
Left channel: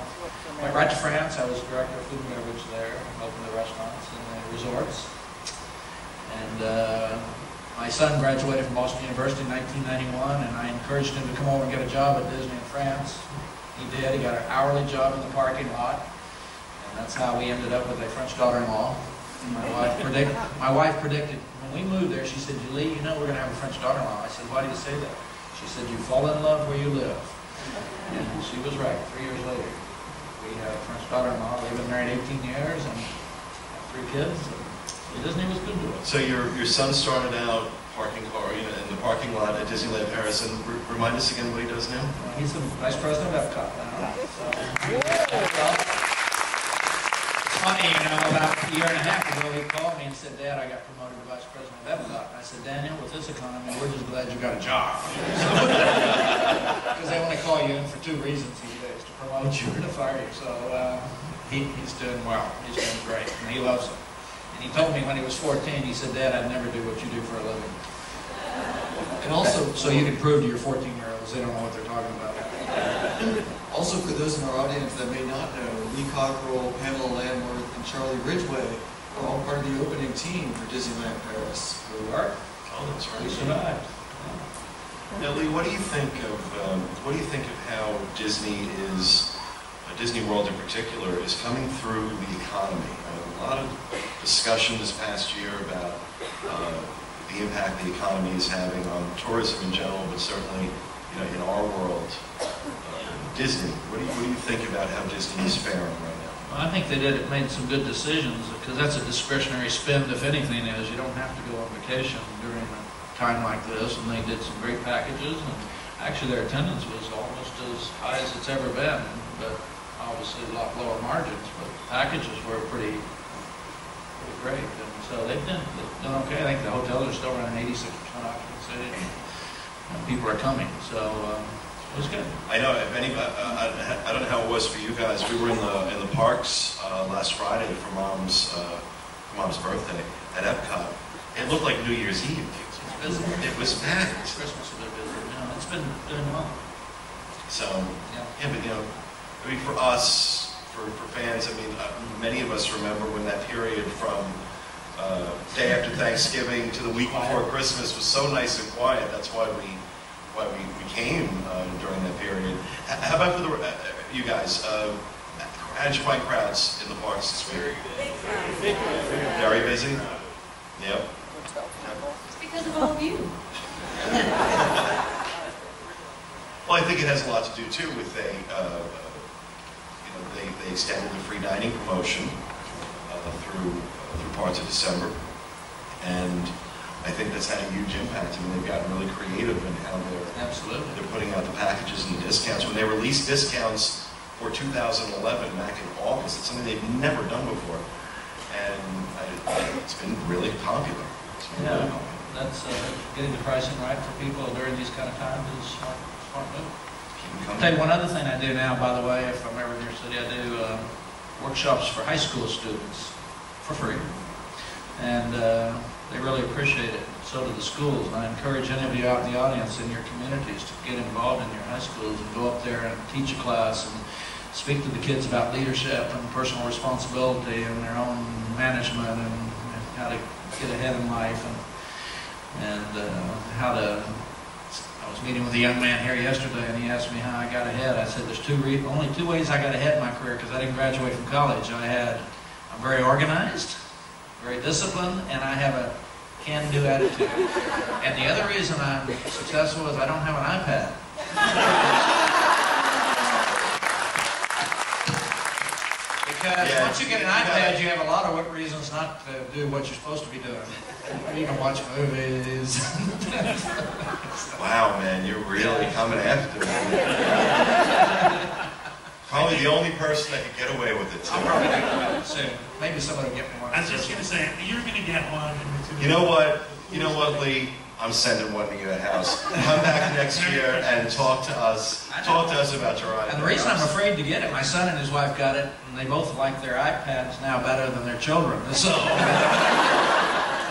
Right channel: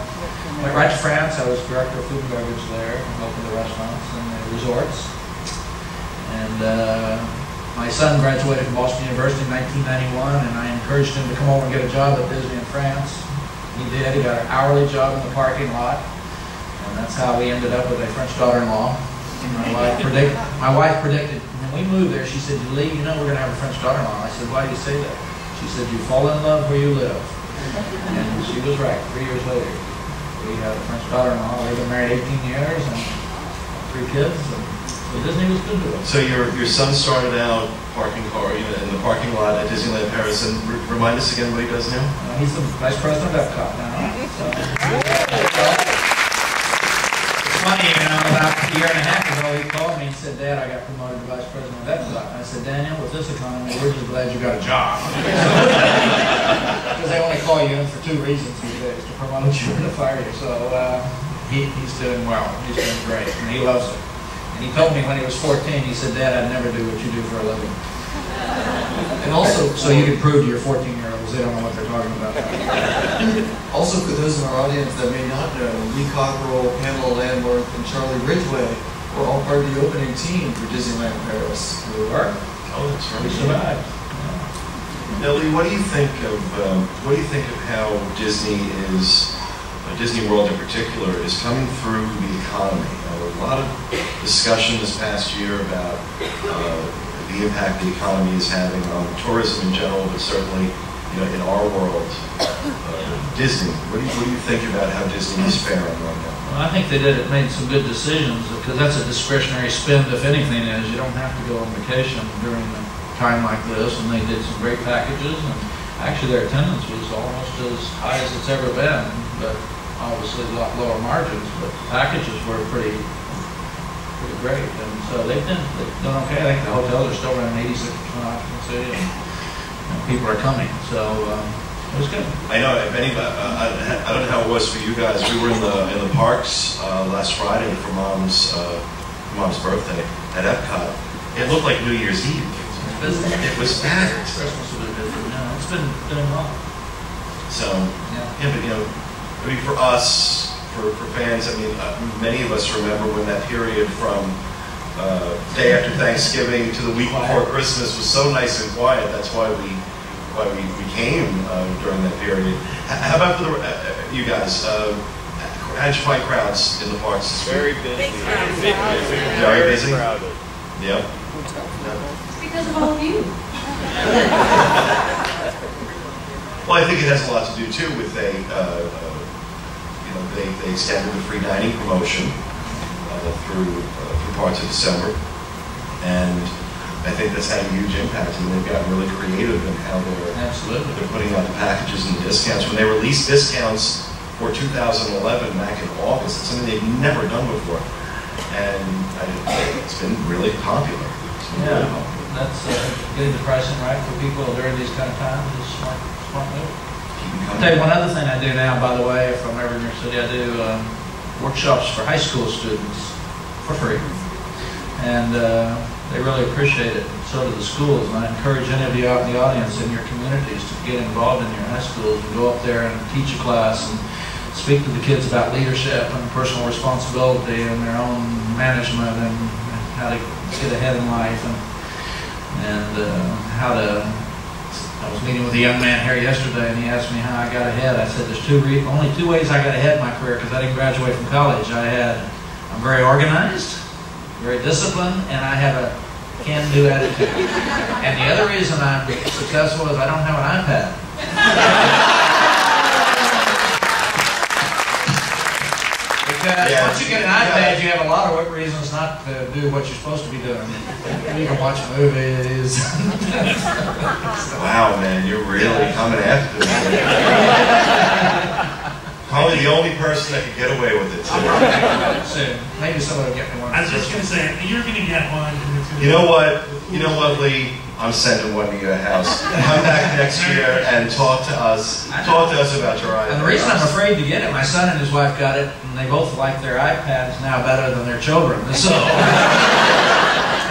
went right to France. I was director of food and beverage there, opened the restaurants and the resorts. And my son graduated from Boston University in 1991, and I encouraged him to come over and get a job at Disney in France. He did. He got an hourly job in the parking lot, and that's how we ended up with a French daughter-in-law. My wife predicted when we moved there. She said, "Lee, we're going to have a French daughter-in-law." I said, "Why do you say that?" She said, "You fall in love where you live," and she was right. 3 years later. We had a French daughter-in-law. They've been married 18 years and have 3 kids. And so Disney was good to us. So your son started out parking car, in the parking lot at Disneyland Paris. And remind us again what he does now. He's the vice president of Epcot now. So it's funny, about a year and a half ago, he called me and said, "Dad, I got promoted to vice president of Epcot." And I said, "Daniel, with this economy, we're just glad you got a job." Because they only call you in for 2 reasons these days, to promote you or to fire you. So he's doing well. He's doing great, and he loves it. And he told me when he was 14, he said, "Dad, I'd never do what you do for a living." And also, so you can prove to your 14-year-olds they don't know what they're talking about. Also, for those in our audience that may not know, Lee Cockerell, Pamela Landworth, and Charlie Ridgway were all part of the opening team for Disneyland Paris. We were. Oh, that's right. We survived. Now, Lee, what do you think of how Disney World in particular, is coming through the economy? A lot of discussion this past year about the impact the economy is having on tourism in general, but certainly, in our world, Disney. What do you think about how Disney is faring right now? Well, I think they made some good decisions, because that's a discretionary spend, if anything is. You don't have to go on vacation during a time like this, and they did some great packages, and actually their attendance was almost as high as it's ever been, but obviously a lot lower margins, but packages were pretty great, and so they've done okay. I think the hotels are still running 86% occupancy, and people are coming, so it was good. I know. If anybody, I don't know how it was for you guys. We were in the parks last Friday for Mom's birthday at Epcot. It looked like New Year's Eve. It was busy. It was packed. Christmas will be busy. No, it's been doing well. So, yeah, but you know, I mean, for us, for fans, I mean, many of us remember when that period from day after Thanksgiving to the week before Christmas was so nice and quiet. That's why we came during that period. How about for you guys? How did you find crowds in the parks this week? Very busy. Very busy? Crowded. Yep. It's because of all of you. Well, I think it has a lot to do too with they extended the free dining promotion through parts of December, and I think that's had a huge impact. I mean, they've gotten really creative in how they're putting out the packages and the discounts. When they released discounts for 2011 back in August, it's something they've never done before, and it's been really popular. Yeah, that's getting the pricing right for people during these kind of times is a smart move. I'll tell you one other thing I do now, by the way, if I'm ever in your city, I do workshops for high school students for free. And they really appreciate it. So do the schools. And I encourage any of you out in the audience in your communities to get involved in your high schools and go up there and teach a class and speak to the kids about leadership and personal responsibility and their own management and how to get ahead in life and how to. I was meeting with a young man here yesterday, and he asked me how I got ahead. I said, there's only two ways I got ahead in my career because I didn't graduate from college. I'm very organized, very disciplined, and I have a can-do attitude. And the other reason I'm successful is I don't have an iPad. Because once you get an iPad, you have a lot of reasons not to do what you're supposed to be doing. You can watch movies. Wow, man, you're really coming after me. Probably the only person that could get away with it, too. I'll probably think about it soon. Maybe somebody will get me one. I was just going to say, you're going to get one. You know what, Lee? I'm sending one to your house. Come back next year and talk to us. Talk to us about your iPad. And the reason I'm afraid to get it, my son and his wife got it, and they both like their iPads now better than their children. So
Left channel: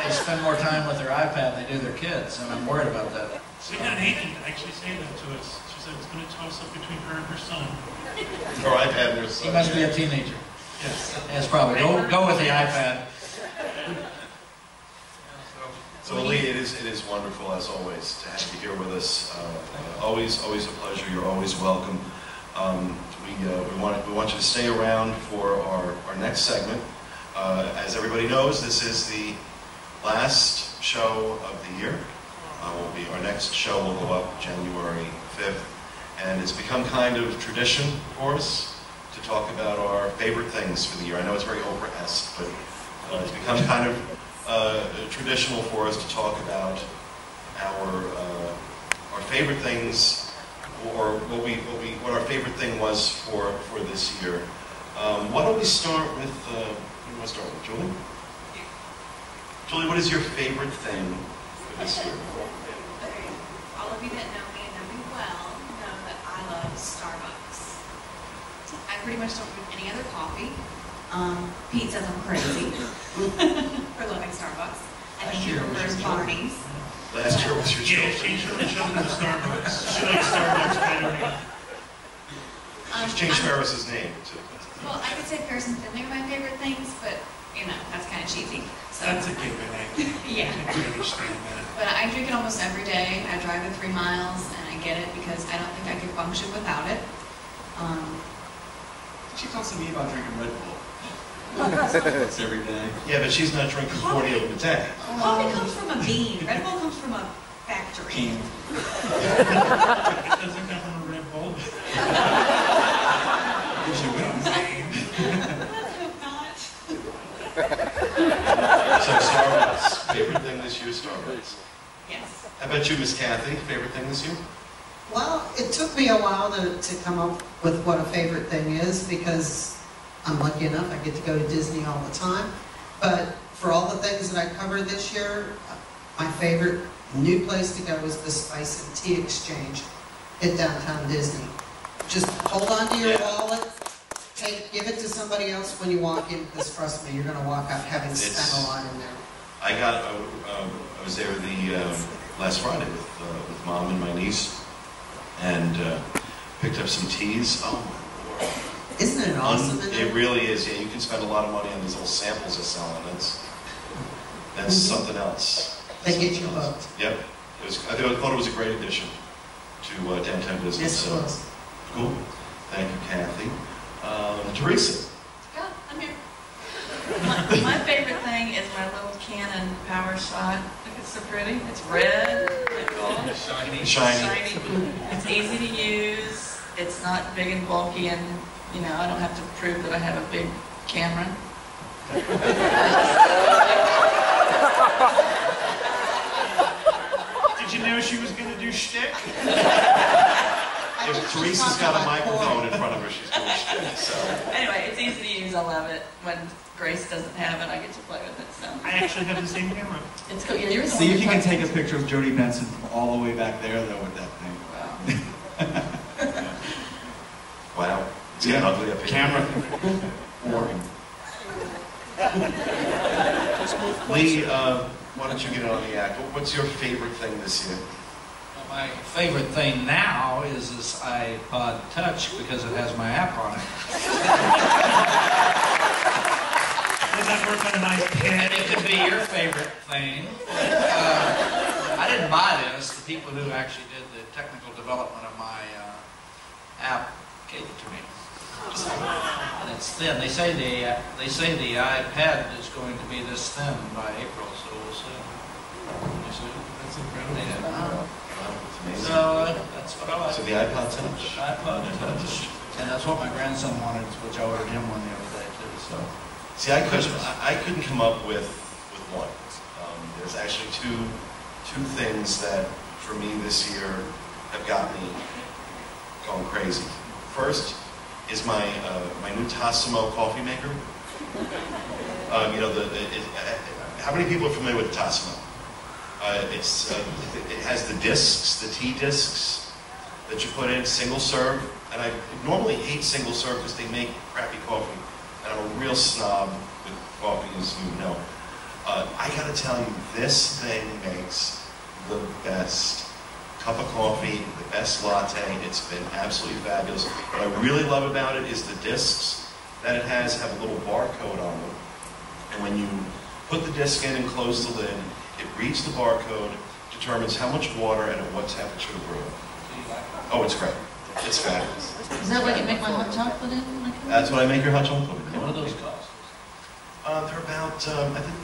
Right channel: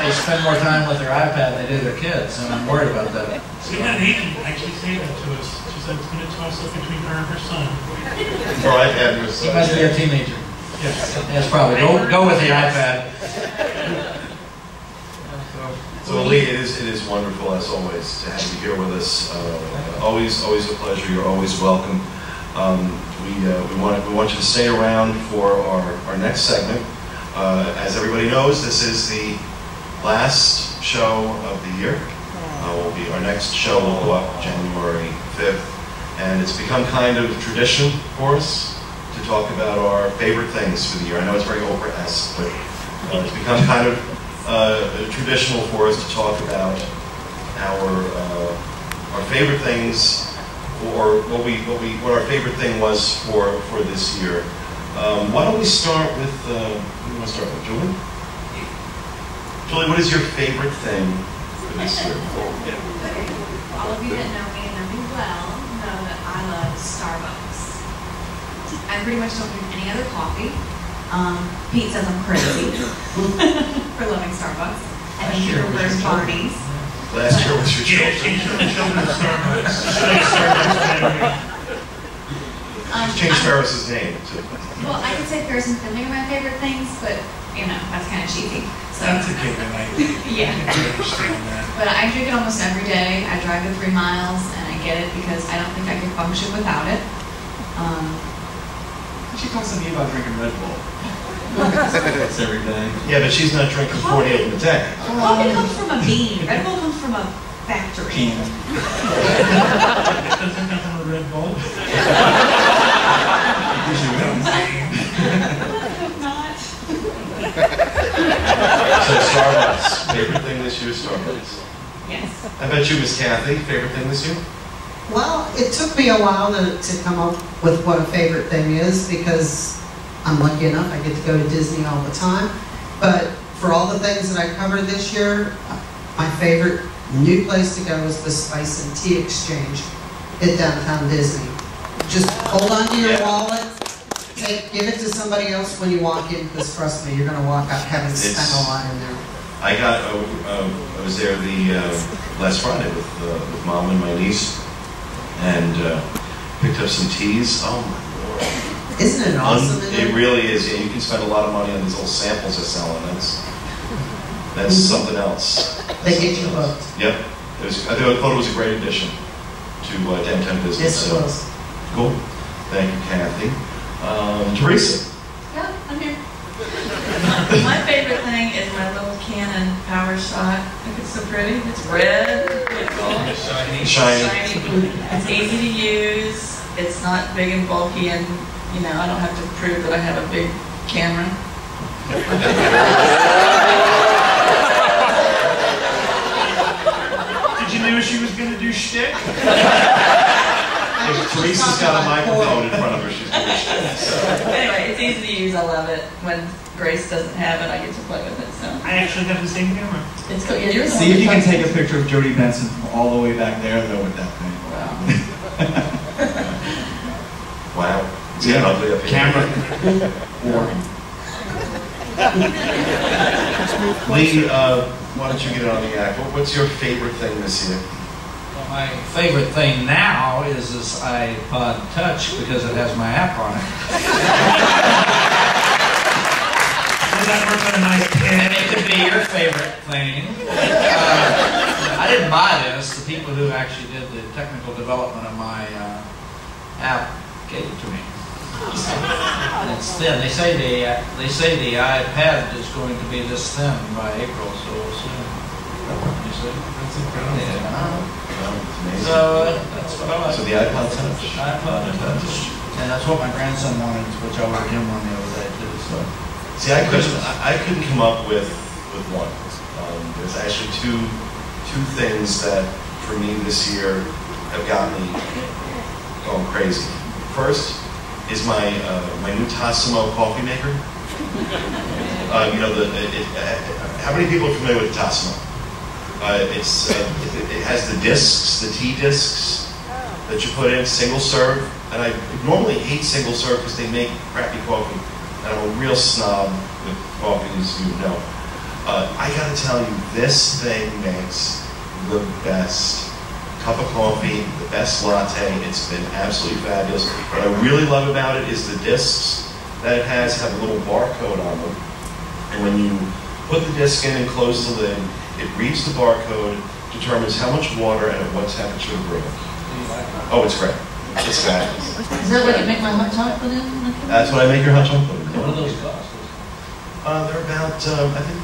they spend more time with their iPad than they do their kids, and I'm worried about that. So we had an agent actually say that to us. She said it's going to toss up between her and her son. Her iPad and her son. He must be a teenager. Yes. That's probably. Go with the iPad. So Lee, it is wonderful as always to have you here with us. Always a pleasure. You're always welcome. We want you to stay around for our next segment. As everybody knows, this is the last show of the year. Our next show will go up January 5th, and it's become kind of tradition for us to talk about our favorite things for the year. I know it's very Oprah-esque, but it's become kind of traditional for us to talk about our favorite things, or what our favorite thing was for this year. Why don't we start with who do you want to start with, Julie? Julie, what is your favorite thing for this year? All of you that know me and know me well know that I love Starbucks. I pretty much don't drink any other coffee. Pete says I'm crazy for loving Starbucks. I think he prefers Barney's. Last year was your children. Yeah, she's from the children of Starbucks. She likes Starbucks better. She's changed Ferris's name too. Well, I could say Ferris and Finley are my favorite things, but that's kind of cheesy. So. That's a given, I think. Yeah. I can understand that. But I drink it almost every day. I drive the 3 miles, and I get it because I don't think I could function without it. She talks to me about drinking Red Bull. That's every day. Yeah, but she's not drinking 40 of them a day. Coffee comes from a bean. Red Bull comes from a factory. It doesn't come from a Red Bull. Let's hope not. So Starbucks, favorite thing this year, Starbucks. Yes. How about you, Miss Kathy? Favorite thing this year? Well, it took me a while to come up with what a favorite thing is because I'm lucky enough I get to go to Disney all the time. But for all the things that I covered this year, my favorite new place to go is the Spice and Tea Exchange at Downtown Disney. Just hold on to your wallet, give it to somebody else when you walk in, because trust me, you're going to walk out having spent a lot in there. I was there the last Friday with Mom and my niece, and Picked up some teas. Oh my lord! Isn't it awesome? It really is. Yeah, you can spend a lot of money on these little samples they're selling. That's something else. They get you hooked. Yep. I thought it was a great addition to downtown business. Yes, it was. Cool. Thank you, Kathy. Teresa. Yeah, I'm here. My favorite thing is my little Canon Power Shot. Look, it's so pretty. It's red. It's gold. Shiny. It's easy to use. It's not big and bulky, and you know I don't have to prove that I have a big camera. Did you know she was going to do shtick? If Teresa's got a microphone in front of her, she's doing shit. So. Anyway, it's easy to use. I love it. When Grace doesn't have it, I get to play with it. So I actually have the same camera. it's cool. Yeah, you're the See one if you that can touched take a it. picture of Jody Benson from all the way back there, though, with that thing. Wow. Wow. It's getting ugly up here. Camera. Boring. Lee, why don't you get it on the act? What's your favorite thing this year? Well, my favorite thing now is this iPod Touch because it has my app on it. Does that work on a nice pen? And it could be your favorite thing. I didn't buy this. The people who actually did the technical development of my app gave it to me. And it's thin. They say the iPad is going to be this thin by April, so we'll see. You see? That's incredible. Yeah. Wow, it's amazing. So that's what I like. So the iPod Touch. iPod Touch. And that's what my grandson wanted, which I ordered him one the other day too. So. See, I couldn't come up with one. There's actually two things that for me this year have got me going crazy. First is my new Tassimo coffee maker. You know how many people are familiar with the Tassimo? It has the discs, the tea discs that you put in, single serve. And I normally hate single serve because they make crappy coffee. And I'm a real snob with coffee, as you know. I gotta tell you, this thing makes the best cup of coffee, the best latte. It's been absolutely fabulous. What I really love about it is the discs that it has have a little barcode on them. And when you put the disc in and close the lid, it reads the barcode, determines how much water and at what temperature to brew it. Oh, it's great. It's fabulous. Is that what you make my hot chocolate in? That's what I make your hot chocolate in. What do those cost? They're about, I think,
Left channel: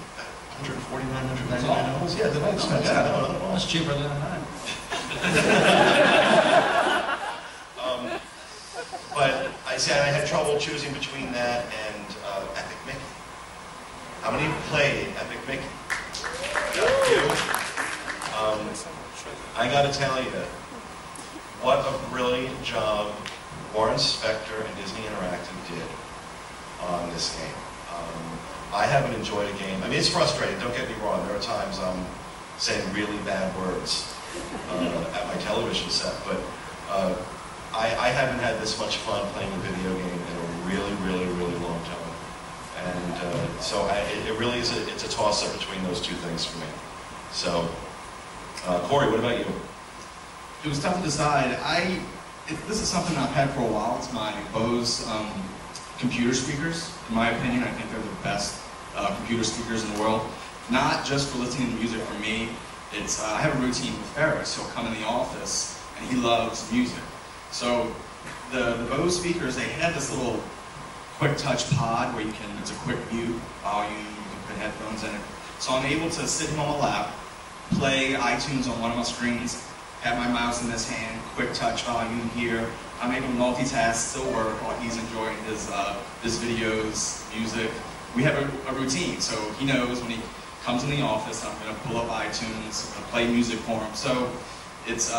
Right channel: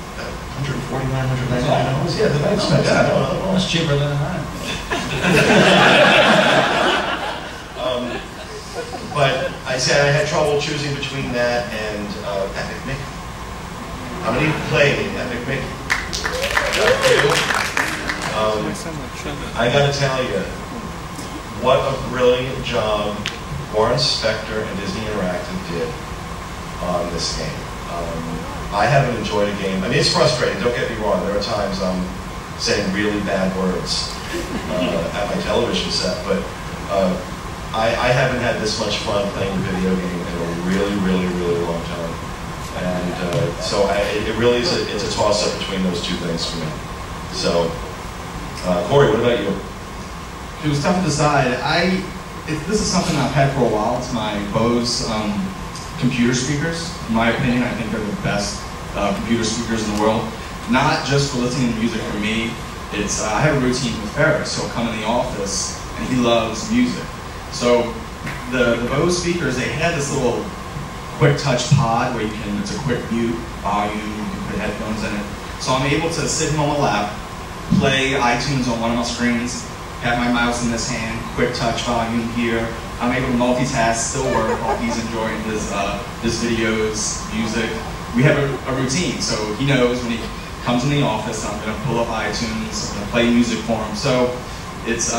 $149, $199. Yeah, they're not expensive. Yeah, no. That's cheaper than mine. But I said I had trouble choosing between that and Epic Mickey. How many have played Epic Mickey? Got a few. I got to tell you, what a brilliant job Warren Spector and Disney Interactive did on this game. I haven't enjoyed a game. I mean, it's frustrating, don't get me wrong. There are times I'm saying really bad words at my television set, but I haven't had this much fun playing a video game in a really, really, really long time. And so it really is it's a toss-up between those two things for me. So, Corey, what about you? It was tough to decide. This is something I've had for a while. It's my Bose computer speakers. In my opinion, I think they're the best computer speakers in the world. Not just for listening to music for me. It's I have a routine with Ferris. He'll come in the office and he loves music. So the Bose speakers, they had this little quick touch pod where it's a quick mute, volume, you can put headphones in it. So I'm able to sit him on my lap, play iTunes on one of my screens, have my mouse in this hand, quick touch volume here. I'm able to multitask, still work while he's enjoying his videos, music. We have a routine, so he knows when he comes in the office, I'm going to pull up iTunes, I'm going to play music for him. So it's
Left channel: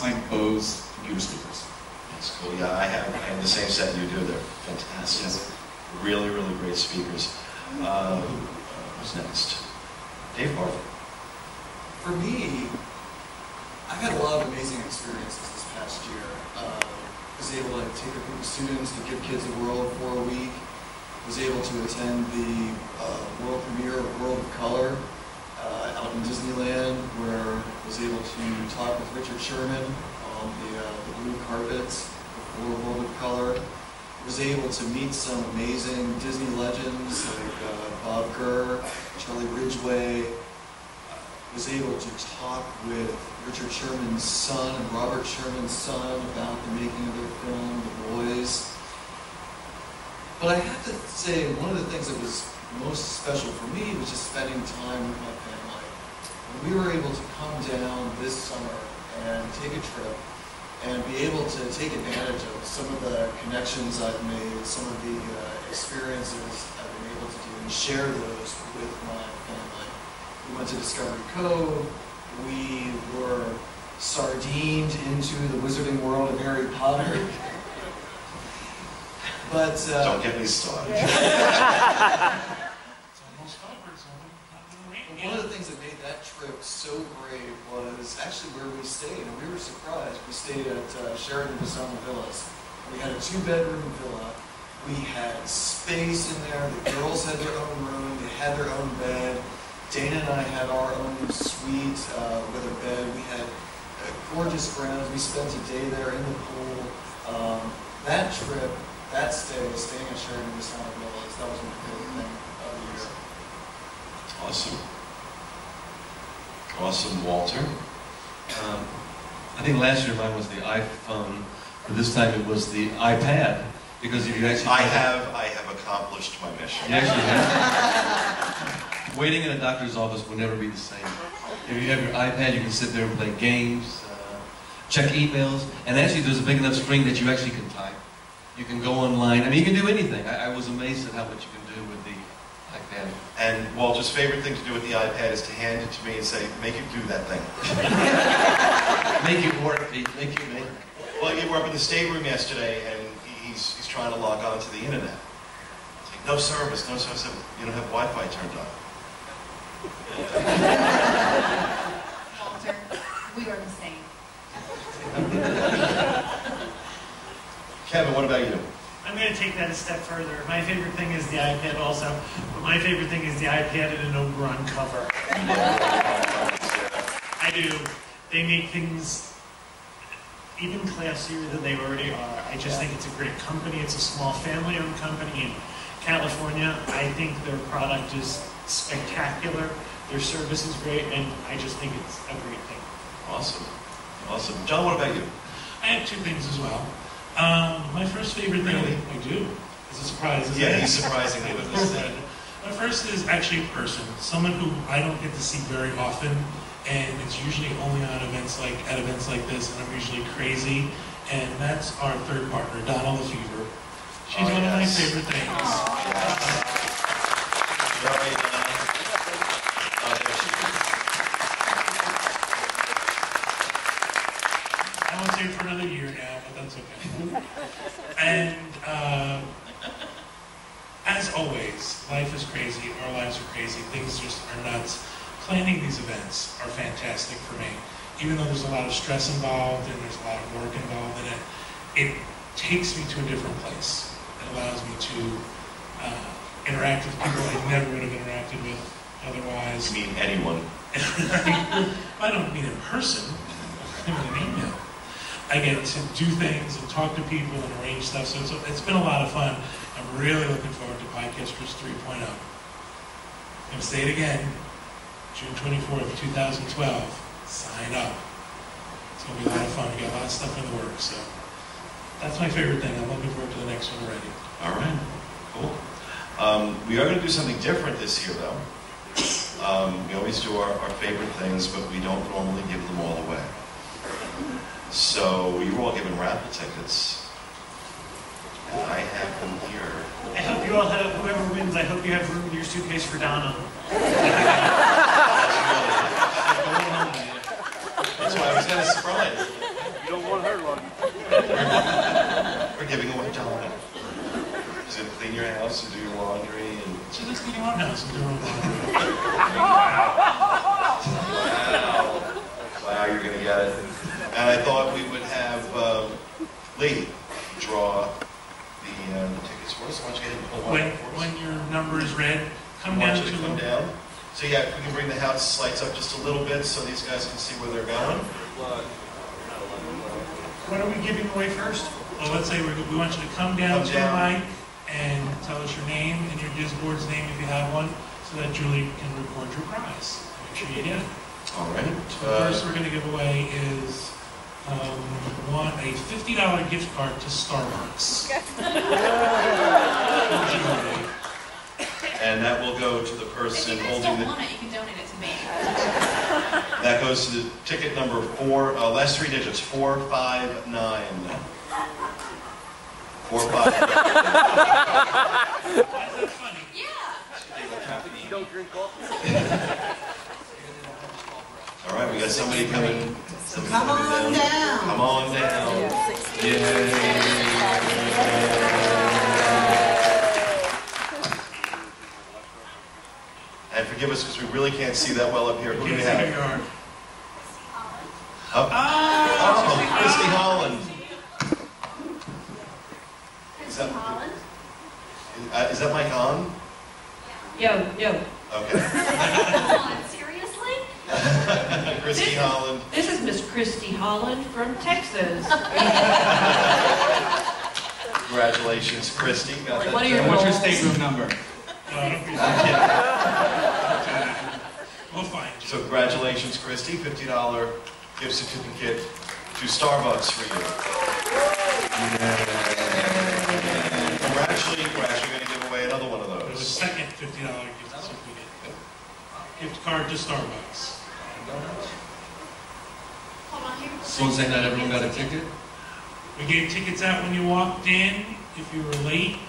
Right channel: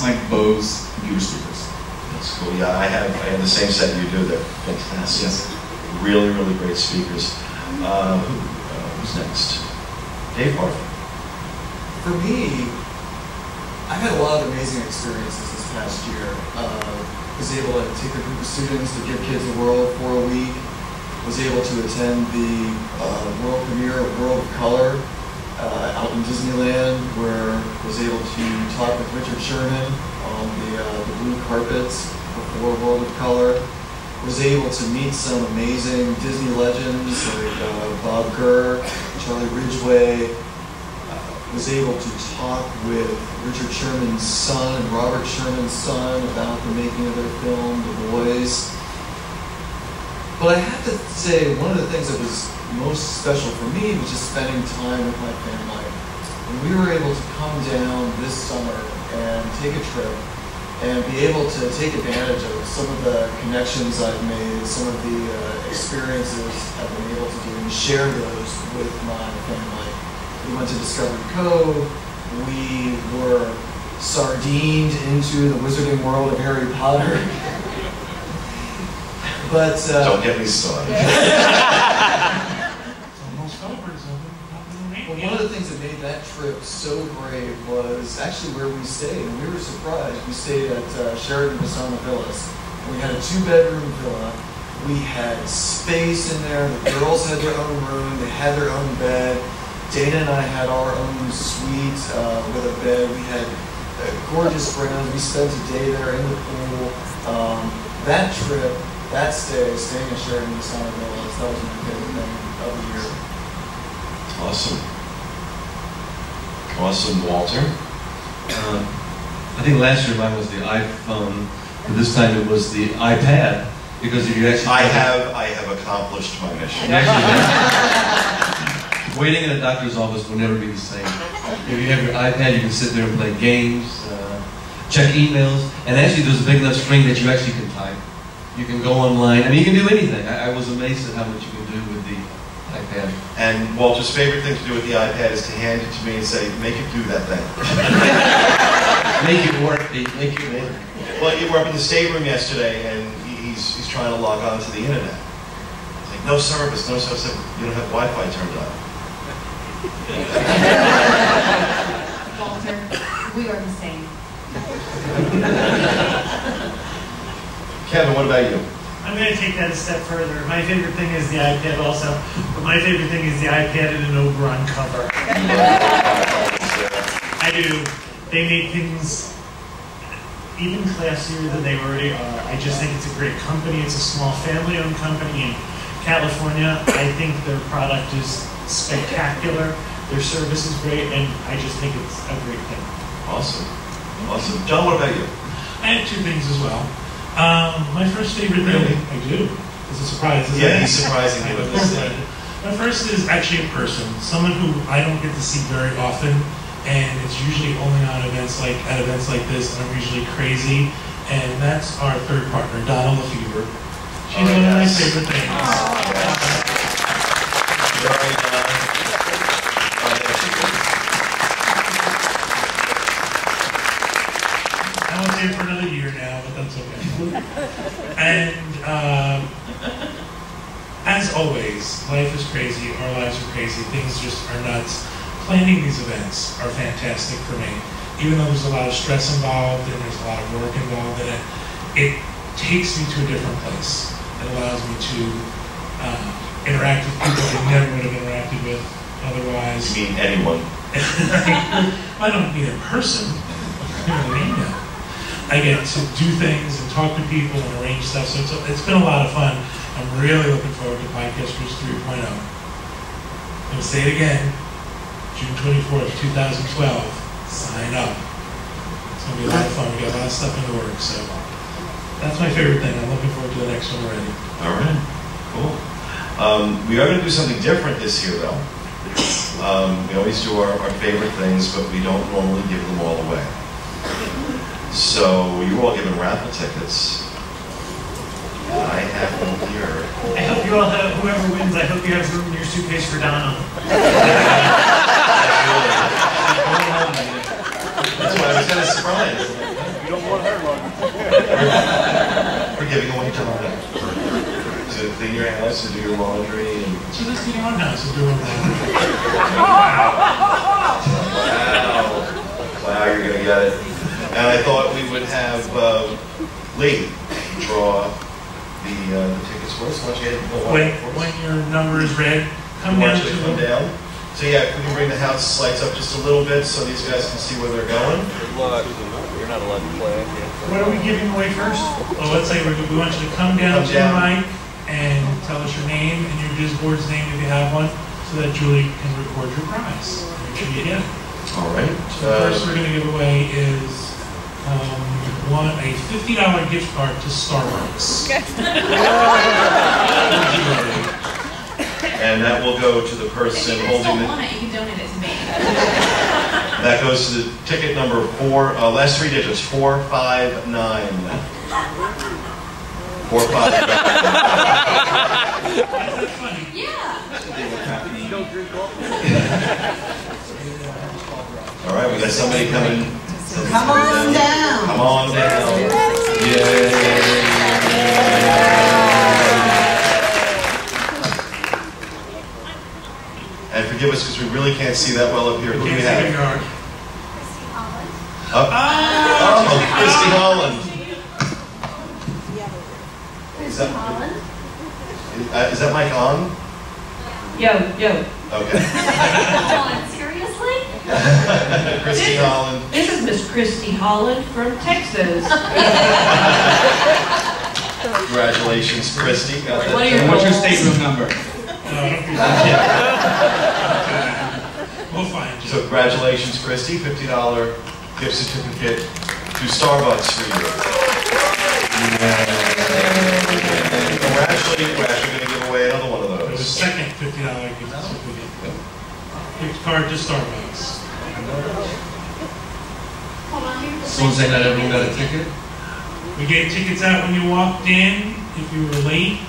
my Bose computer speakers. That's cool. Yeah, I have the same set you do. They're fantastic. Yes. Really, really great speakers. Who's next? Dave Barth. For me, I've had a lot of amazing experiences this past year. Was able to take a group of students to Give Kids a World for a week. Was able to attend the world premiere of World of Color out in Disneyland, where was able to talk with Richard Sherman on the blue carpets before World of Color. Was able to meet some amazing Disney legends like Bob Gurr, Charlie Ridgway. Was able to talk with Richard Sherman's son and Robert Sherman's son about the making of their film, The Boys. But I have to say, one of the things that was most special for me was just spending time with my family. When we were able to come down this summer and take a trip and be able to take advantage of some of the connections I've made, some of the experiences I've been able to do, and share those with my family. We went to Discovery Cove. We were sardined into the wizarding world of Harry Potter. But don't get me started. It's almost over, so nothing well, one of the things that made that trip so great was actually where we stayed, and we were surprised. We stayed at Sheraton Vasana Villas. We had a 2-bedroom villa. We had space in there. The girls had their own room. They had their own bed. Dana and I had our own suite with a bed. We had gorgeous grounds. We spent a day there in the pool. That trip, that staying at Sheraton Vasana Villas, that was my favorite thing of the year. Awesome. Awesome, Walter. I think last year mine was the iPhone, but this time it was the iPad, because if you actually... I have accomplished my mission. You actually have. Waiting in a doctor's office will never be the same. If you have your iPad, you can sit there and play games, check emails, and actually there's a big enough screen that you actually can type. You can go online. I mean, you can do anything. I was amazed at how much you can do with the iPad. And Walter's favorite thing to do with the iPad is to hand it to me and say, make it do that thing. Make it work, Pete. Make it work. Well, you were up in the stateroom yesterday, and he's trying to log on to the internet. It's like, no service, no service. You don't have Wi-Fi turned on. Walter, we are the same. Kevin, what about you? I'm going to take that a step further. My favorite thing is the iPad also, but my favorite thing is the iPad and an Oberon cover. I do. They make things even classier than they already are. I just think it's a great company. It's a small family-owned company in California. I think their product is spectacular. Their service is great, and I just think it's a great thing. Awesome. Awesome. John, what about you? I have 2 things as well. My first favorite thing, Really? I do. It's a surprise, isn't Yeah, it? he's surprising me with this thing. My first is actually a person, someone who I don't get to see very often, and it's usually only on events like this, and I'm usually crazy, and that's our third partner, Donna Lefevre. She's one of my favorite things. Very nice. I won't say it for another year now, but that's okay. And as always, life is crazy, our lives are crazy, things just are nuts. Planning these events are fantastic for me. Even though there's a lot of stress involved and there's a lot of work involved in it, it takes me to a different place. It allows me to interact with people I never would have interacted with otherwise. You mean anyone? I don't mean in person, I mean an email. I get to do things and talk to people and arrange stuff, so it's been a lot of fun. I'm really looking forward to Podcasters 3.0. I'm going to say it again, June 24th, 2012, sign up. It's going to be a lot of fun. We got a lot of stuff in the works, so that's my favorite thing. I'm looking forward to the next one already. All right, cool. We are going to do something different this year, though. We always do our favorite things, but we don't normally give them all away. So you were all given raffle tickets. And I have them here. I hope you all have, whoever wins, I hope you have room in your suitcase for Donna. That's why I was kind of surprised. You don't want her long. We're giving away Donna. She's going to clean your house and do your laundry. And She's just cleaning our house and doing our laundry. Wow, you're going to get it. And I thought we would have Lee draw the tickets for us. Why don't you get it? When your number is read, come I down want you to to come down. So yeah, if we can bring the house lights up just a little bit so these guys can see where they're going. You're not allowed to play. What are we giving away first? Well, let's say we want you to come down to the mic and tell us your name and your DIS board's name if you have one, so that Julie can record your prize. Make sure you get it. All right. So the first we're going to give away is a $50 gift card to Starbucks. And that will go to the person if you holding don't the... want it, you can donate it to me. That goes to the ticket number 4, last 3 digits, 459. 459. Is that funny? Yeah. You don't drink coffee? All right, we got somebody coming. Come on down. Come on down. Yay. And forgive us because we really can't see that well up here. Who do we have? Oh, Christy Holland. Is that mic on? Yo. Okay. Holland, seriously? Christy Holland. This is Miss Christy Holland from Texas. Congratulations, Christy. Got that. What's your stateroom number? We'll find you. So congratulations, Christy. $50 gift certificate to Starbucks for you. We're actually going to give away another one of There's a those. second $50 gift certificate. Gift card to Starbucks. Someone saying not everyone got a ticket? We gave tickets out when you walked in. If you were late.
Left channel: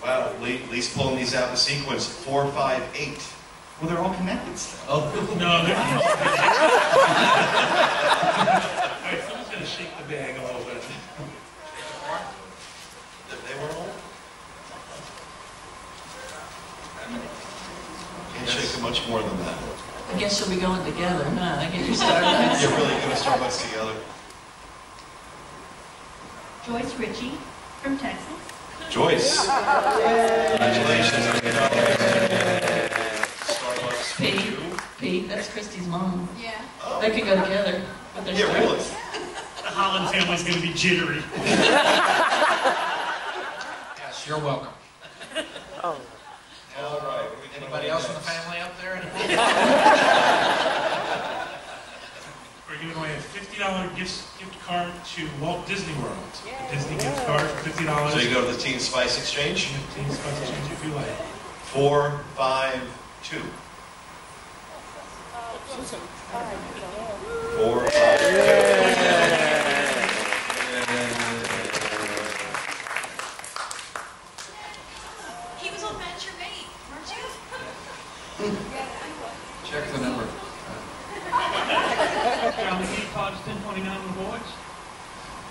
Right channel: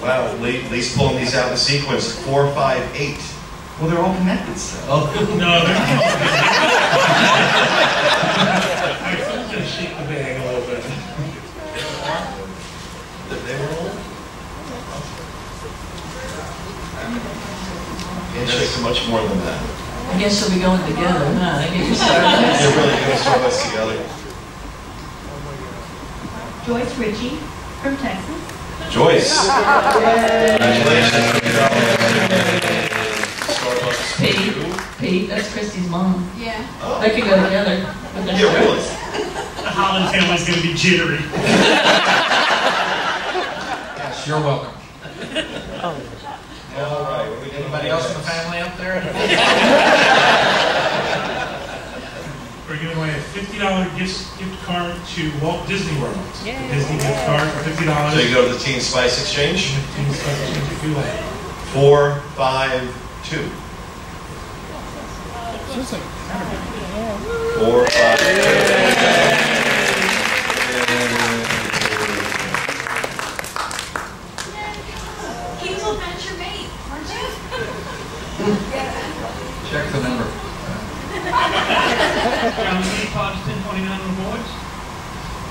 Wow, Lee's pulling these out in sequence. 4, 5, 8. Well, they're all connected still. No, they're not. Alright, someone's going to shake the bag a little bit. They were all? Can't shake them much more than that. I guess you'll be going together, huh? Get your Starbucks. You're really going to Starbucks together. Joyce Ritchie from Texas. Joyce. Congratulations. Starbucks for you. Pete, that's Christy's mom. Yeah. They could go together with their Yeah, really. The Holland family's going to be jittery. Yes, you're welcome. All right. Anybody else in the family up there? We're giving away a $50 gift card to Walt Disney World. The Disney gift card for $50. So you go to the Teen Spice Exchange? Teen Spice Exchange if you like. 4, 5, 2. 4, 5, 2. There you go. He was on Match Your Mate, weren't you? Check the number. John McGee, Todd's 1029 on the boards.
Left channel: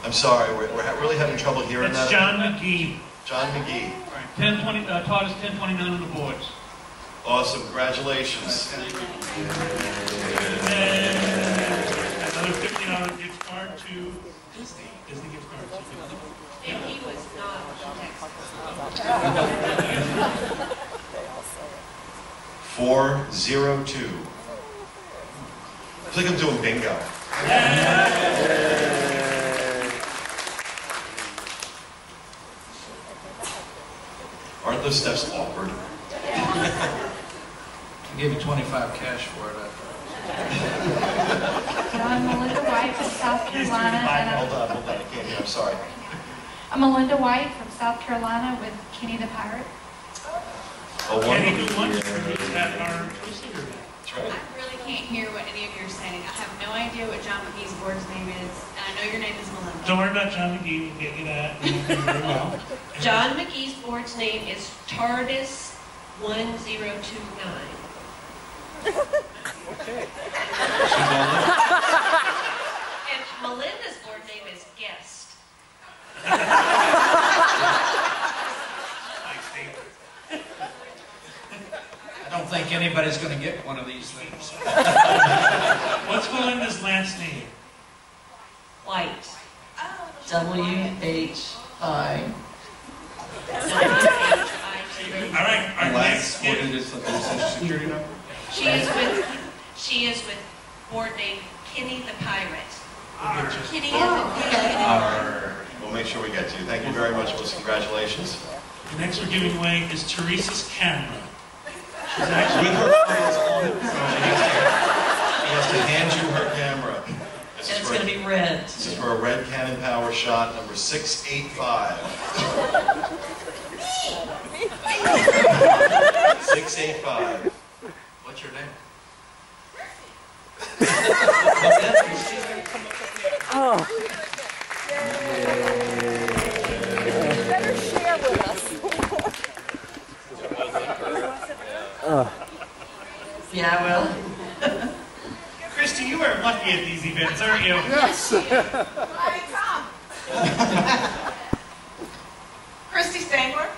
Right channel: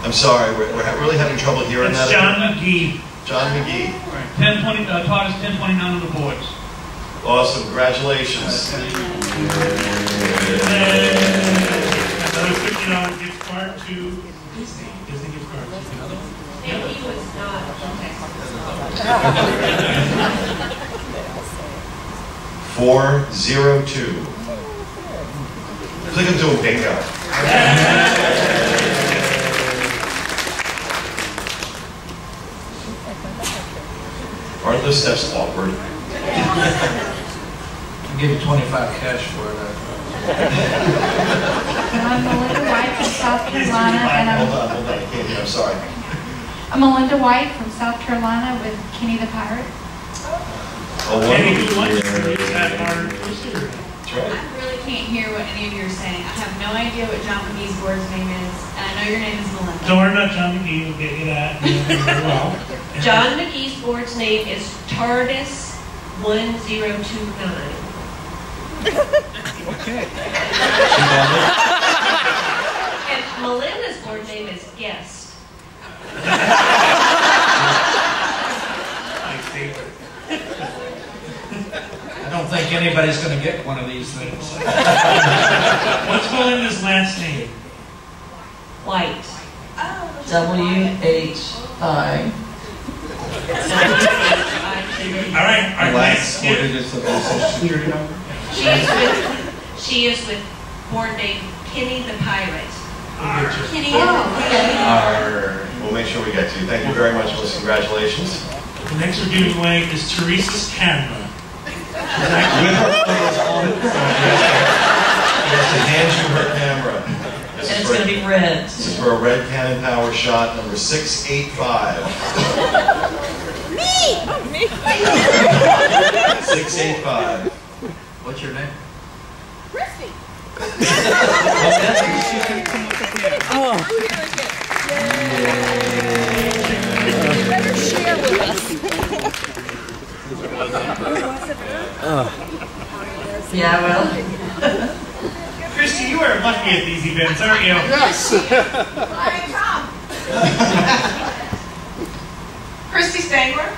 I'm sorry, we're really having trouble hearing It's that. John McGee. John McGee. Right. 1020. Todd is 1029 on the boards. Awesome, congratulations. And another $50 gift card to Disney. Disney gift card. Another one? And he was not from Texas. 402. It's like I'm doing bingo. Aren't those steps awkward? I'll give you 25 cash for it. I'm Melinda White from South Carolina, and Hold on, I can't hear, I'm sorry. I'm Melinda White from South Carolina with Kenny the Pirate. Oh, Kenny wonderful. who wants to use at our receiver. That's right. I really can't hear what any of you are saying. I have no idea what John McGee's board's name is, and I know your name is Melinda. Don't worry about John McGee, we'll get you that. You'll do very well. John McGee's board's name is TARDIS 1029. Okay. And Melinda's board name is Guest. My favorite. I don't think anybody's going to get one of these things. What's Melinda's last name? White. Oh, W-H Hi. All right, our Last next four gift. digits of their social security number. She is with board name Kenny the Pirate. We'll get you. Kenny We'll make sure we get to you. Thank you very much, Melissa. Congratulations. The next we're giving away is Teresa's camera. She's actually With her photos on it. He has to hand you her camera. And it's going to be red. This is for a red Canon Power shot number 685. Me! 685. What's your name? Chrissy! Well, that's she's going to come up with the Better share with us. Yeah, well. Christy, you are lucky at these events, aren't you? Yes, she is. Hi, Tom. Christy Stangler.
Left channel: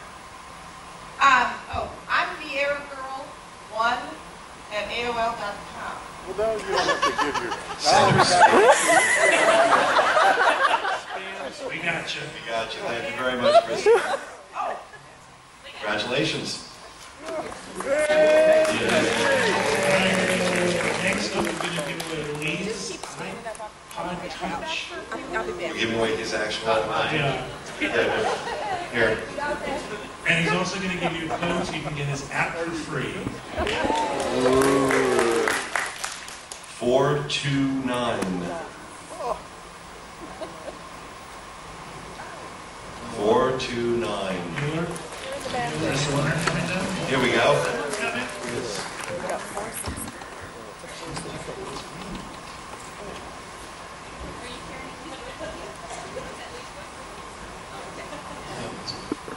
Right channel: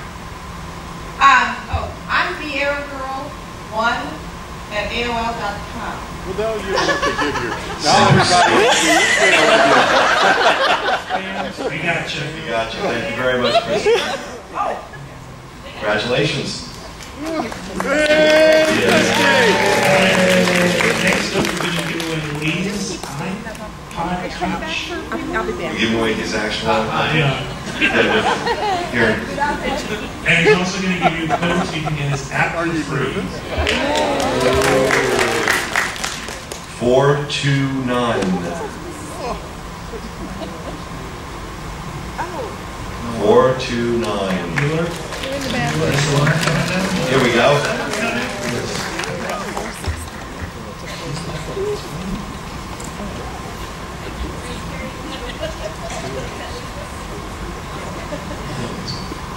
I'm VieraGirl1 at AOL.com. We got you. We got you. Thank you very much, Christy. Congratulations. Next up, we're going to give away Lee's iPod Touch. I'll be back. We're giving away his actual Yeah. Here. And he's also going to give you a code so you can get his app for free. 429. 429. Bueller. Here we go.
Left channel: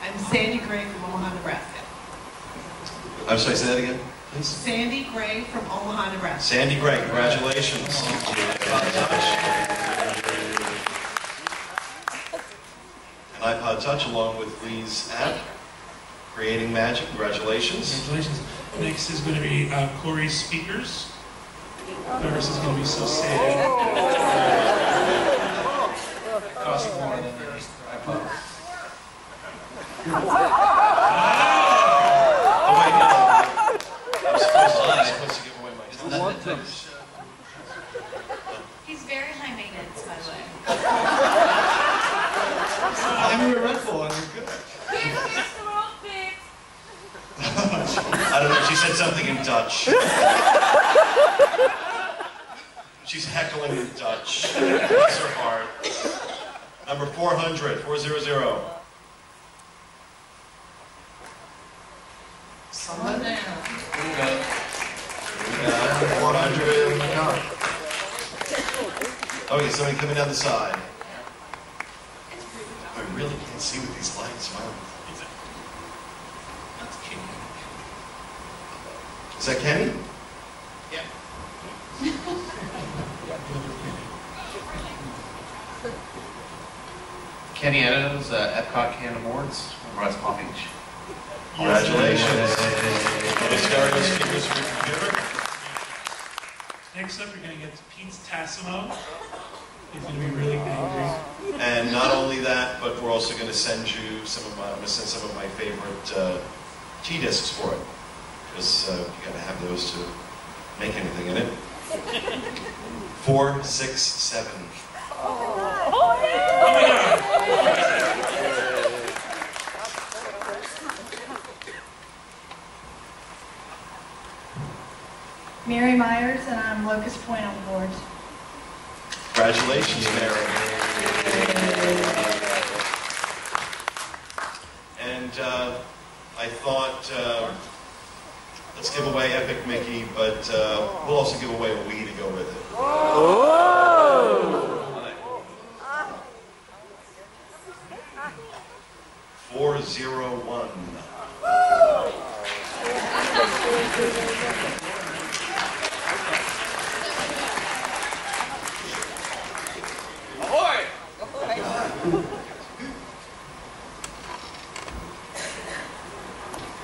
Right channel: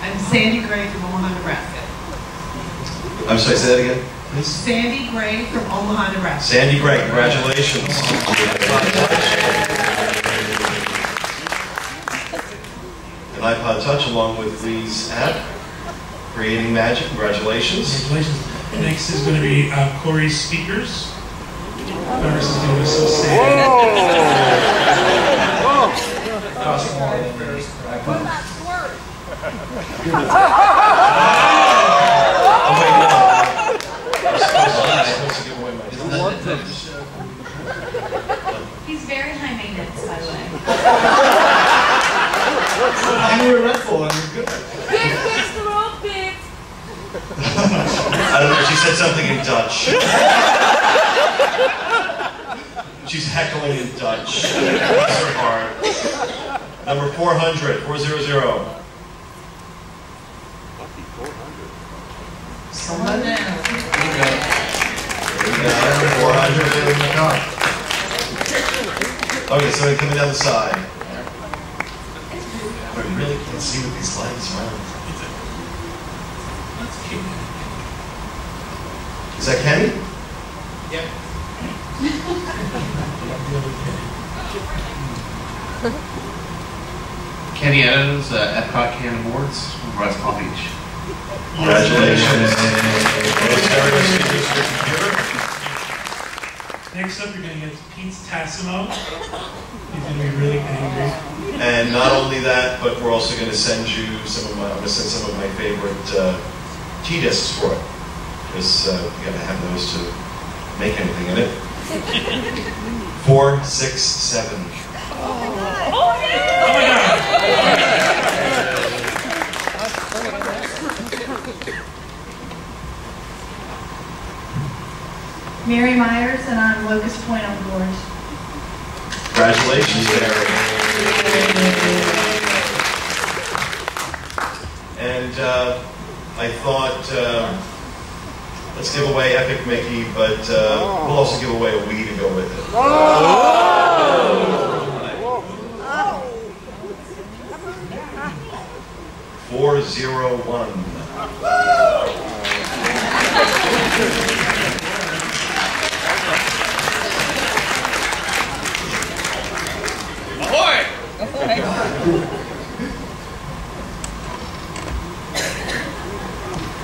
I'm Sandy Gray from Omaha, Nebraska. I'm sorry, say that again, please. Sandy Gray from Omaha, Nebraska. Sandy Gray, congratulations. An iPod Touch along with Lee's app, Creating Magic, congratulations. Congratulations. Next is going to be Corey's speakers. Paris is going to be so sad. It costs more than the iPod. Oh wait, no. I'm supposed to give away my He's very high maintenance, by the way. And we're Red Bull and we're good. Fix the roll, fix. I don't know, she said something in Dutch. She's heckling in Dutch. Bless her heart. Number 400, 400. Someone down. Here we go. 400. Okay, somebody coming down the side. I really can't see with these lights, wow. That's cute. Is that Kenny? Yep. Kenny Adams, Epcot Can Awards, West Palm Beach. Congratulations. Stereo speakers for your computer. Next up, you're going to get Pete Tassimo. He's going to be really angry. And not only that, but we're also going to send you some of my, I'm going to send some of my favorite tea discs for it. Because you got to have those to make anything in it. 4, 6, 7. Oh my God! Mary Myers, and I'm Locust Point on board. Congratulations, Mary. And I thought, let's give away Epic Mickey, but we'll also give away a Wii to go with it. 401.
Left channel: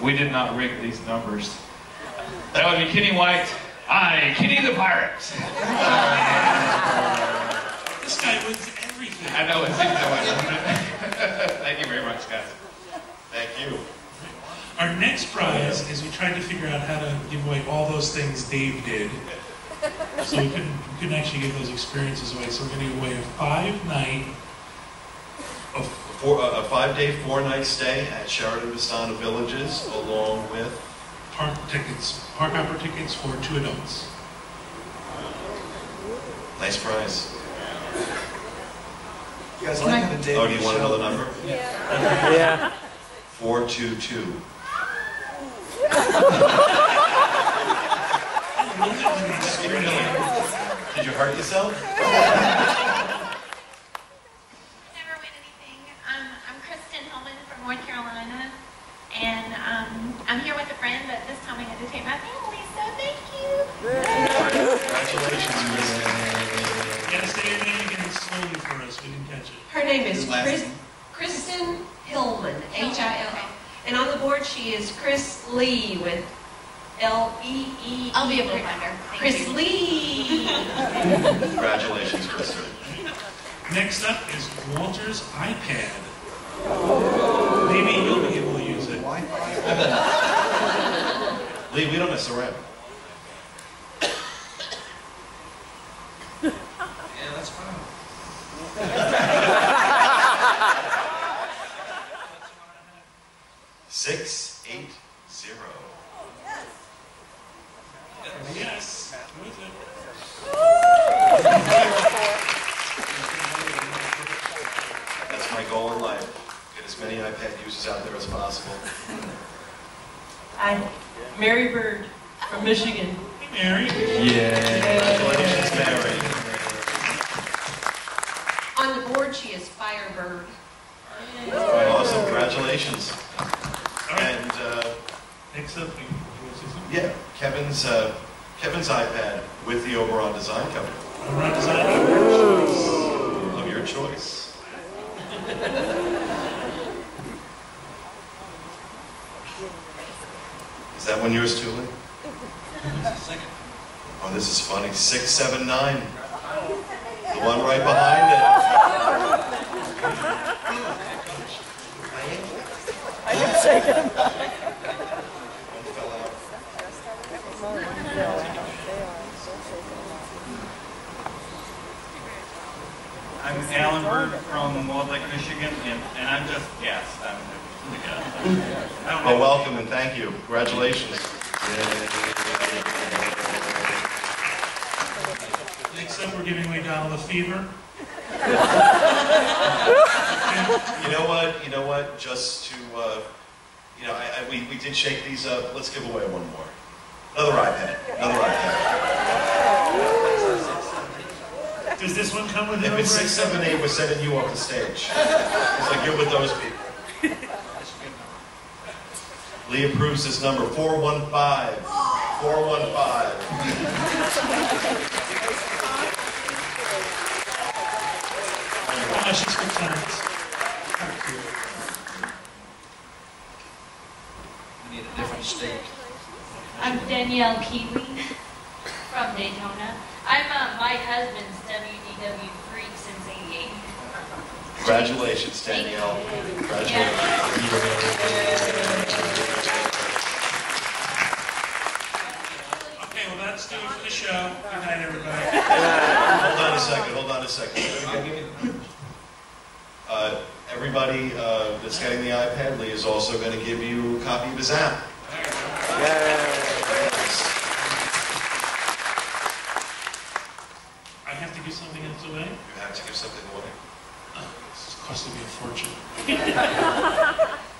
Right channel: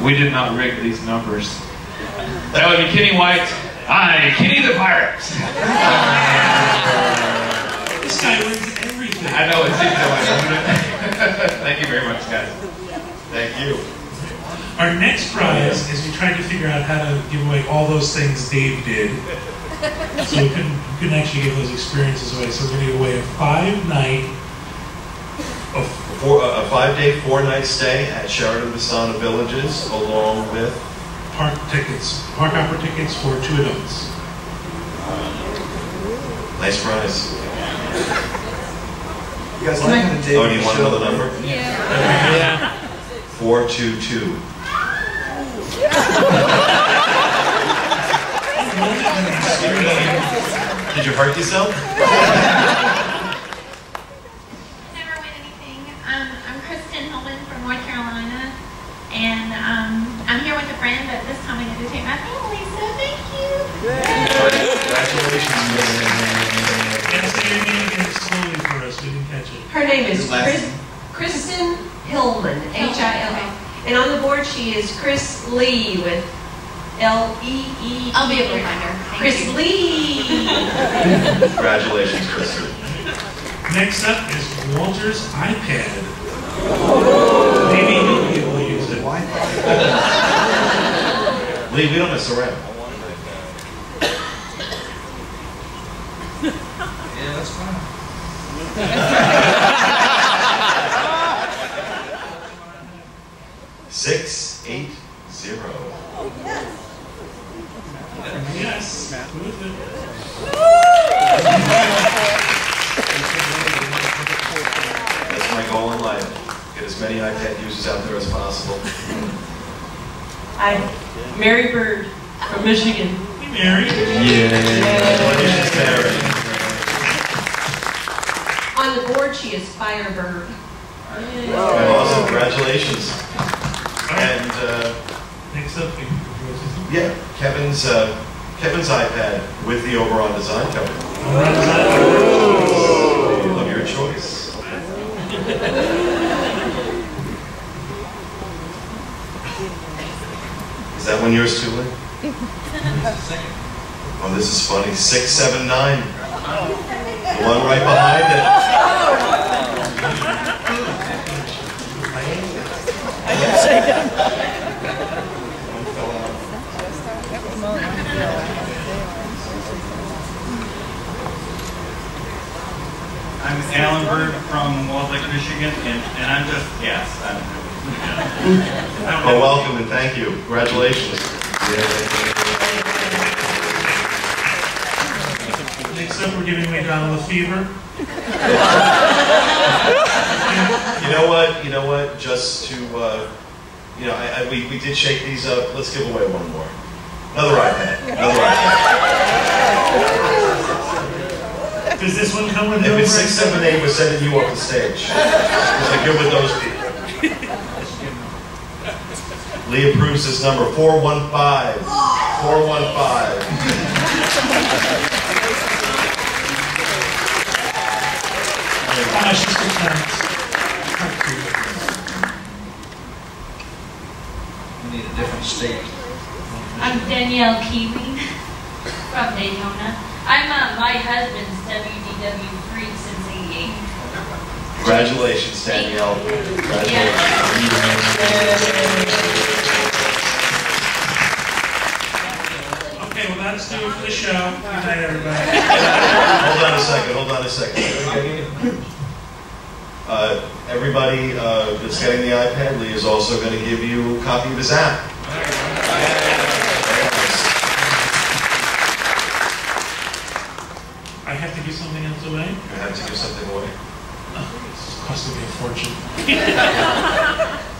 We did not rig these numbers. That would be Kenny White. Hi, Kenny the Pirate. This guy wins everything. I know, it's Thank you very much, guys. Thank you. Our next prize is we tried to figure out how to give away all those things Dave did. So we couldn't actually give those experiences away. So we're going to give away a 5-night, A 5-day, 4-night stay at Sheraton Vistana Villages, along with park hopper tickets for 2 adults. Nice prize. You guys like how the David Oh, do you want show- another number? Yeah. 422. Did you hurt yourself? Never win anything. I'm Kristen Hillman from North Carolina, and I'm here with a friend, but this time I get to take my family, so thank you. Congratulations. Yeah, say your name again slowly for us. We didn't catch it. Her name is Kristen Hillman, H-I-L-L. And on the board she is Chris Lee with L-E-E. I'll be able to find her. Thank Chris you. Lee. Congratulations, Kristen. Next up is Walter's iPad. Maybe you'll be able to use it. Lee, we don't mess around. Yeah, that's fine. 680. Yes. Who is it? That's my goal in life. Get as many iPad users out there as possible. I'm Mary Bird from Michigan. Hey, Mary. Congratulations, Mary. On the board she is Firebird. Awesome. Congratulations. And Next up, yeah, Kevin's iPad with the Oberon design cover. Oberon design Of your choice. Is that one yours too, Lee? Oh, this is funny. 679. The one right behind it. One fell out. I'm Alan Bird from Walt Lake, Michigan, and I'm just, yes, Oh, welcome and thank you. Congratulations. Next up, we're giving away Donald Lefevre. You know what? Just to, we did shake these up. Let's give away one more. Another iPad. Does this one come with If it's 678, we're sending you up the stage. It's like you're with those people. Lee approves this number, 415. 415. She's good times. We need a different state. I'm Danielle Keeley from Daytona. I'm my husband's WDW freak since '88. Congratulations, Danielle. Congratulations. Okay, well that's do it for the show. Good night, everybody. Hold on a second. Everybody that's getting the iPad, Lee is also going to give you a copy of his app. Very nice. I have to give something else away? You have to give something away. Oh, this is costing me a fortune.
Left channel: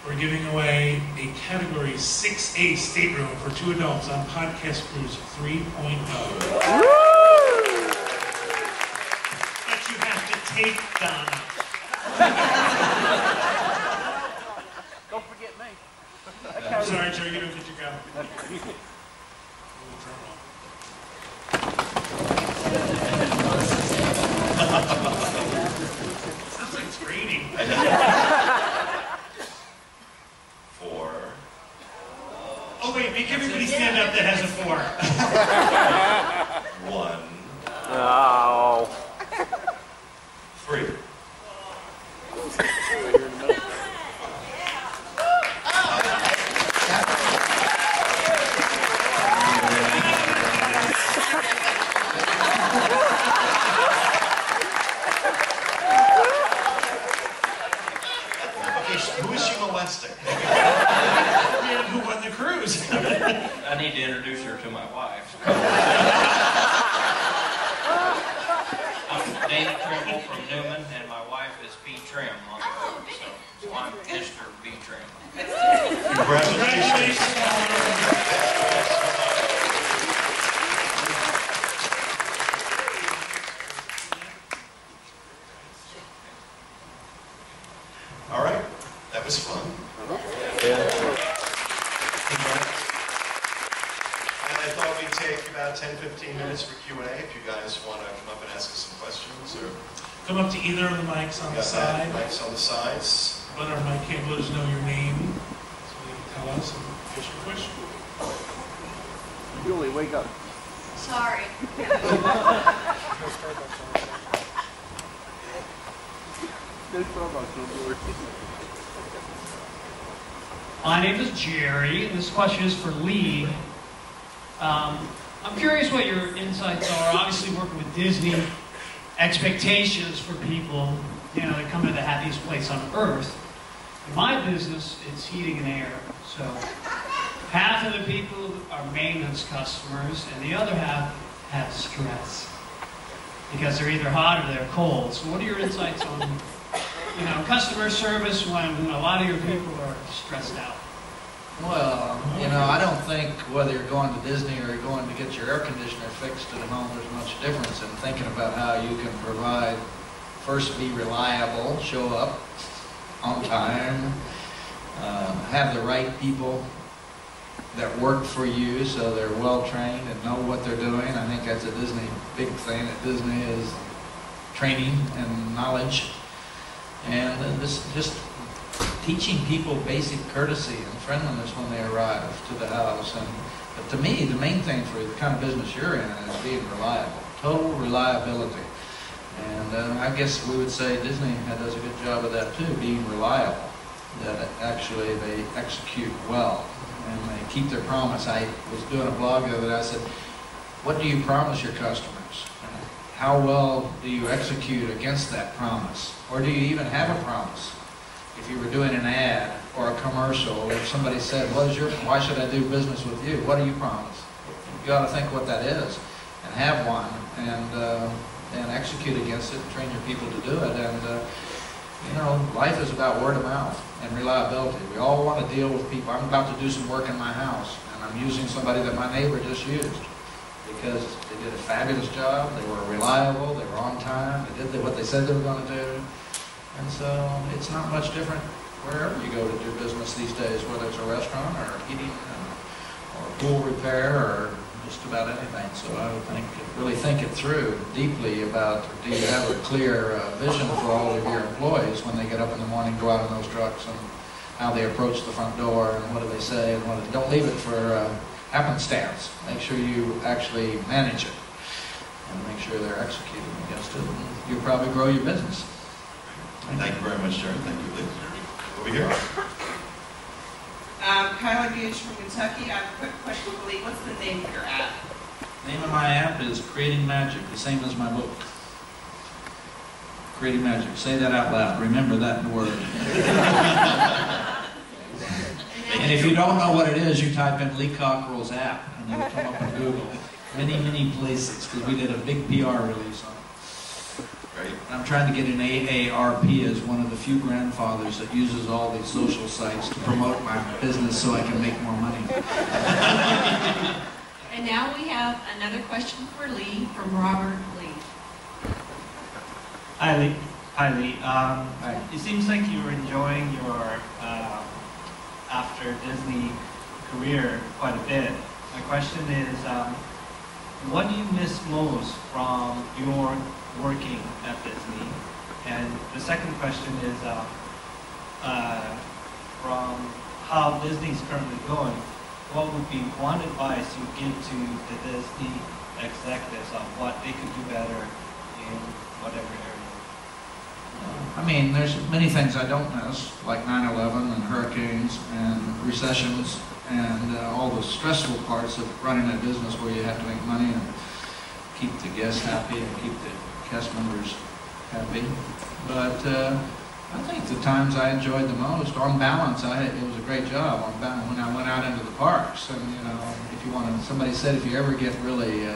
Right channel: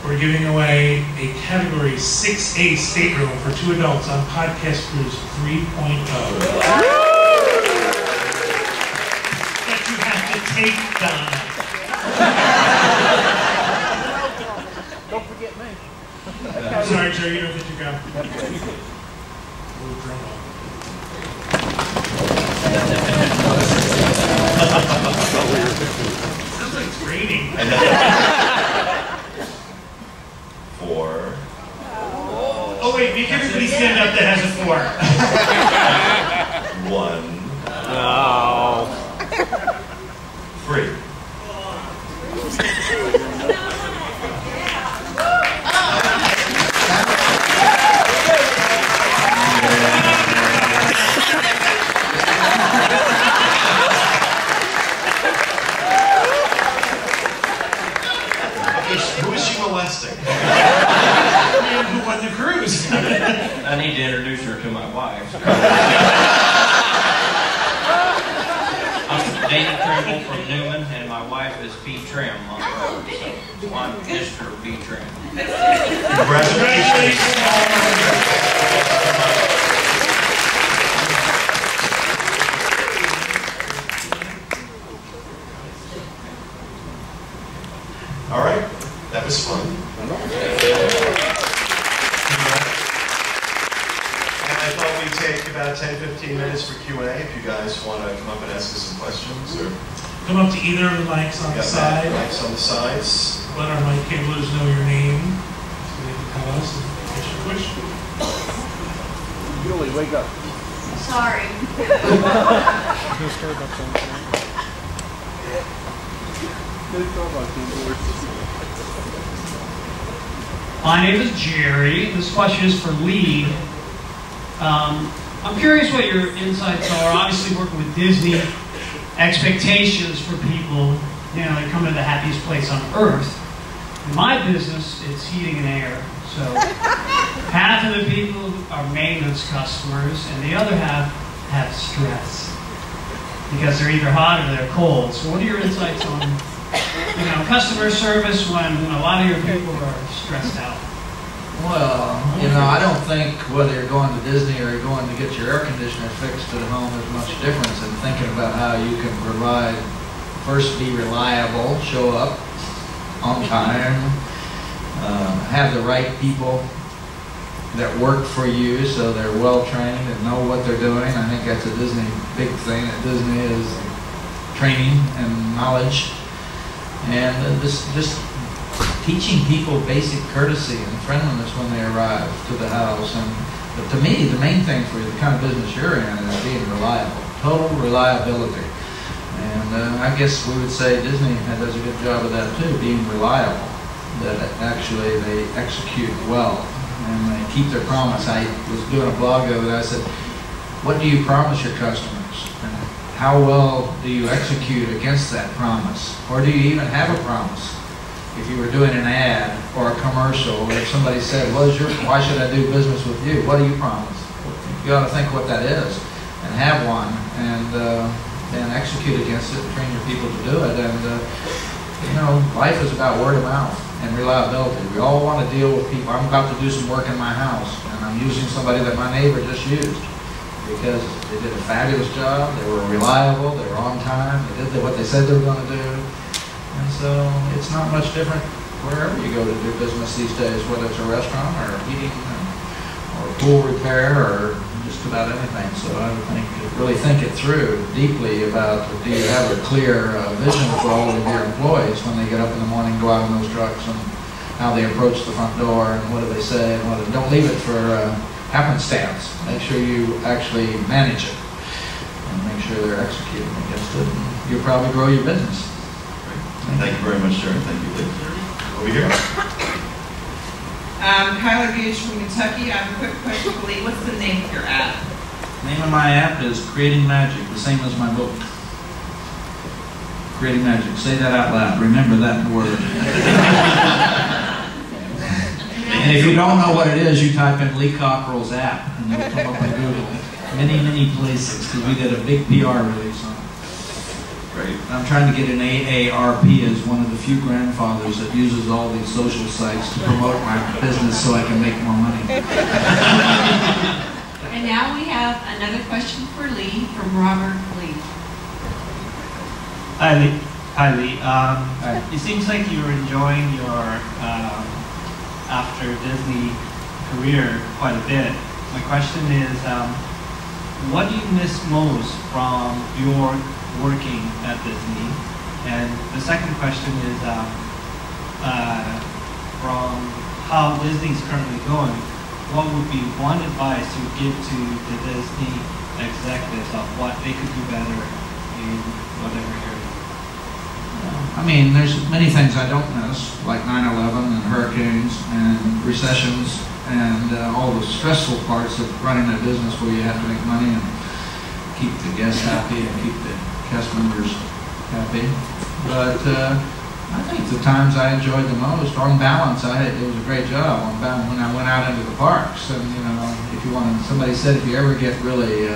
We're giving away a Category 6A stateroom for 2 adults on Podcast Cruise 3.0. But you have to take Donna. Don't forget me. I'm sorry, Joe, you don't get to go. Ooh, drum roll. Sounds like it's raining. I know. 4. Oh wait, make everybody stand up that has a 4. 1. 3. cruise. I need to introduce her to my wife. I'm Danny Trimble from Newman, and my wife is B. Trim on the board, so I'm Mr. B. Trim. Congratulations. All right, that was fun. And I thought we'd take about 10-15 minutes for Q&A if you guys want to come up and ask us some questions. Or Come up to either of the mics on the side. Mics on the sides. Let our mic cablers know your name so they can tell us and ask your question. Julie, wake up. Sorry. My name is Jerry, and this question is for Lee. I'm curious what your insights are. Obviously, working with Disney, expectations for people, you know, they come to the happiest place on earth. In my business, it's heating and air. So half of the people are maintenance customers, and the other half have stress because they're either hot or they're cold. So what are your insights on, you know, customer service when a lot of your people are stressed out? Well, you know, I don't think whether you're going to Disney or you're going to get your air conditioner fixed at home, there's much difference in thinking about how you can provide, first be reliable, show up on time, have the right people that work for you so they're well trained and know what they're doing. I think that's a Disney big thing at Disney is training and knowledge. And just teaching people basic courtesy and friendliness when they arrive to the house. But to me, the main thing for the kind of business you're in is being reliable, total reliability. And I guess we would say Disney does a good job of that too, being reliable, that actually they execute well and they keep their promise. I was doing a blog the other day, I said, what do you promise your customers? And how well do you execute against that promise? Or do you even have a promise? If you were doing an ad or a commercial, or if somebody said, why should I do business with you? What do you promise? You ought to think what that is and have one and execute against it, train your people to do it. And you know, life is about word of mouth and reliability. We all want to deal with people. I'm about to do some work in my house, and I'm using somebody that my neighbor just used because they did a fabulous job, they were reliable, they were on time, they did what they said they were going to do. And so it's not much different wherever you go to do business these days, whether it's a restaurant or heating or pool repair or just about anything. So I would really think it through deeply about, do you have a clear vision for all of your employees when they get up in the morning, go out in those trucks, and how they approach the front door, and what do they say, and don't leave it for happenstance. Make sure you actually manage it and make sure they're executing against it, and you'll probably grow your business. Thank you very much, Jerry. Thank you, Lee. Over here. Kyla Gage from Kentucky. I have a quick question for Lee. What's the name of your app? The name of my app is Creating Magic, the same as my book. Creating Magic. Say that out loud. Remember that word. And if you don't know what it is, you type in Lee Cockerell's app, and it'll come up on Google. Many places, because we did a big PR release on it. Right. I'm trying to get an AARP as one of the few grandfathers that uses all these social sites to promote my business so I can make more money. And now we have another question for Lee from Robert Lee. Hi, Lee. It seems like you're enjoying your after Disney career quite a bit. My question is, what do you miss most from your working at Disney? And the second question is, from how Disney's currently going, what would be one advice you would give to the Disney executives on what they could do better in whatever area? I mean, there's many things I don't miss, like 9/11 and hurricanes and recessions and all the stressful parts of running a business where you have to make money and keep the guests happy and keep the cast members happy. But I think the times I enjoyed the most, on balance, it was a great job on balance when I went out into the parks. And you know, if you want to, somebody said if you ever get really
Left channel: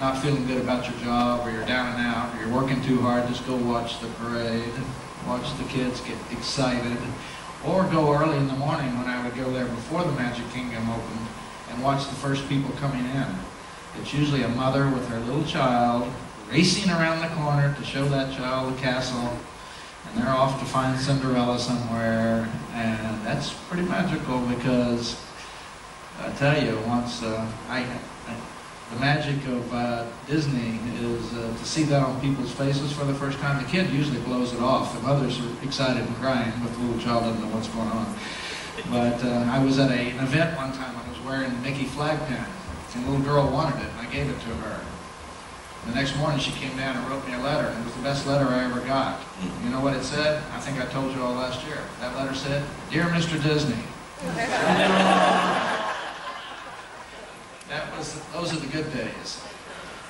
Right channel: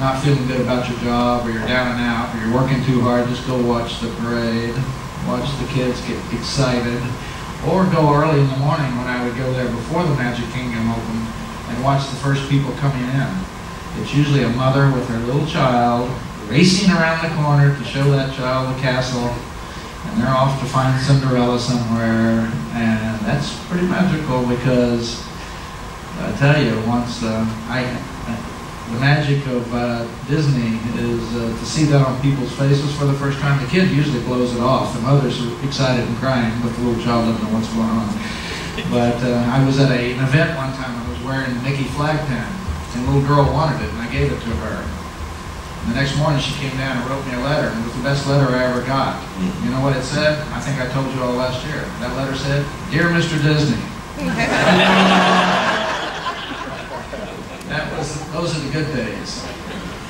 not feeling good about your job, or you're down and out, or you're working too hard, just go watch the parade, watch the kids get excited, or go early in the morning when I would go there before the Magic Kingdom opened and watch the first people coming in. It's usually a mother with her little child racing around the corner to show that child the castle, and they're off to find Cinderella somewhere, and that's pretty magical because I tell you, once the magic of Disney is to see that on people's faces for the first time. The kid usually blows it off. The mothers are excited and crying, but the little child doesn't know what's going on. But I was at an event one time. I was wearing a Mickey flag pin, and a little girl wanted it, and I gave it to her. And the next morning she came down and wrote me a letter, and it was the best letter I ever got. You know what it said? I think I told you all last year. That letter said, "Dear Mr. Disney." Those are the good days.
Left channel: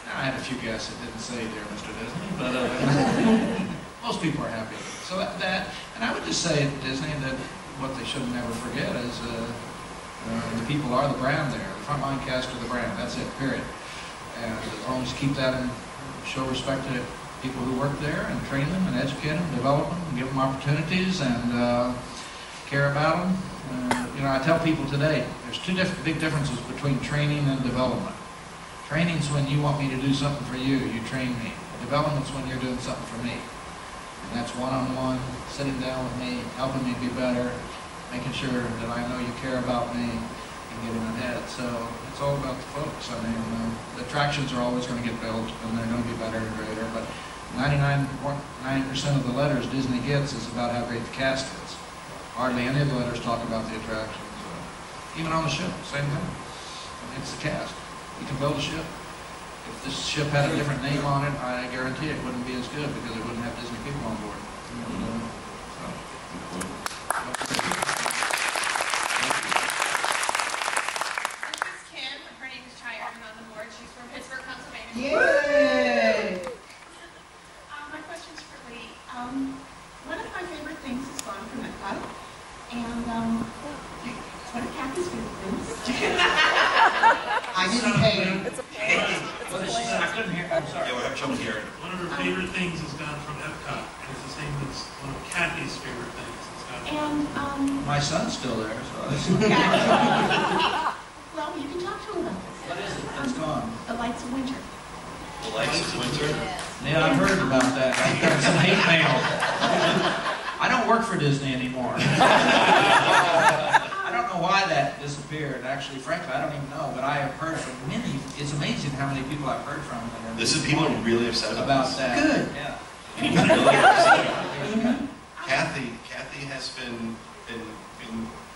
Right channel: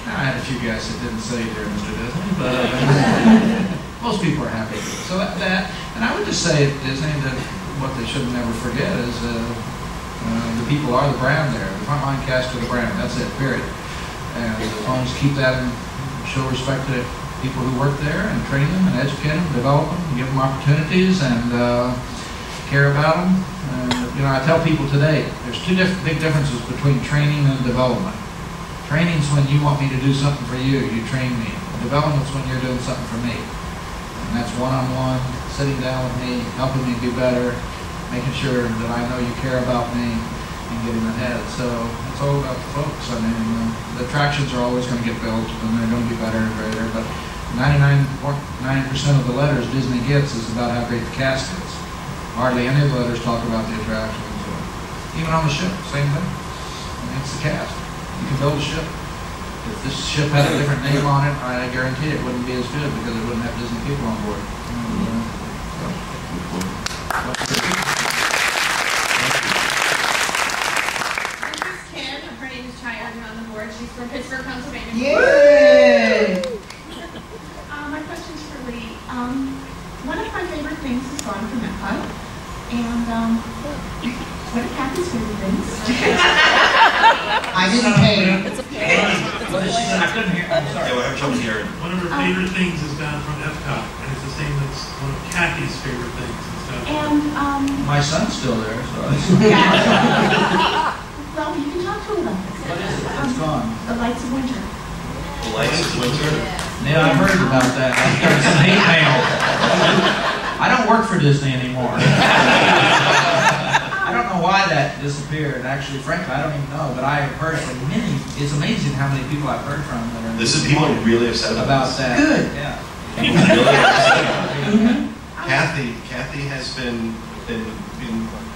Now, I had a few guests that didn't say "Dear Mr. Disney," but most people are happy. So that, and I would just say at Disney that what they should never forget is the people are the brand there. The frontline cast are the brand. That's it, period. And as long as you keep that and show respect to people who work there and train them and educate them, develop them, and give them opportunities and care about them. You know, I tell people today, there's two big differences between training and development. Training's when you want me to do something for you, you train me. Development's when you're doing something for me. And that's one-on-one, sitting down with me, helping me be better, making sure that I know you care about me, and getting ahead. So it's all about the folks. I mean, the attractions are always going to get built, and they're going to be better and greater, but 99.9% of the letters Disney gets is about how great the cast is. Hardly any of the letters talk about the attractions. Even on the ship, same thing. I mean, it's the cast. You can build a ship. If this ship had a different name on it, I guarantee it wouldn't be as good because it wouldn't have Disney people on board. This is Kim. Her name is Cheyenne on the board. She's from Pittsburgh, Pennsylvania. Yay! My question's for Lee. One of my favorite things is Gone from Epcot. And what are Kathy's favorite things? I didn't pay. What did she say? I couldn't hear. I'm sorry. Yeah, we're having trouble hearing. One of her favorite things is Gone from Epcot, and it's the same as one of Kathy's favorite things. And my son's still there, so I well, you can talk to him about this. What is it? It's gone. The Lights of Winter. The Lights of Winter? Yeah, I've heard about that. I've got some hate mail. I don't work for Disney anymore. I don't know why that disappeared. Actually, frankly, I don't even know. But I have heard from many. It's amazing how many people I've heard from that are. This is people really upset about this. That. Good. Yeah. People really upset about it. Kathy has been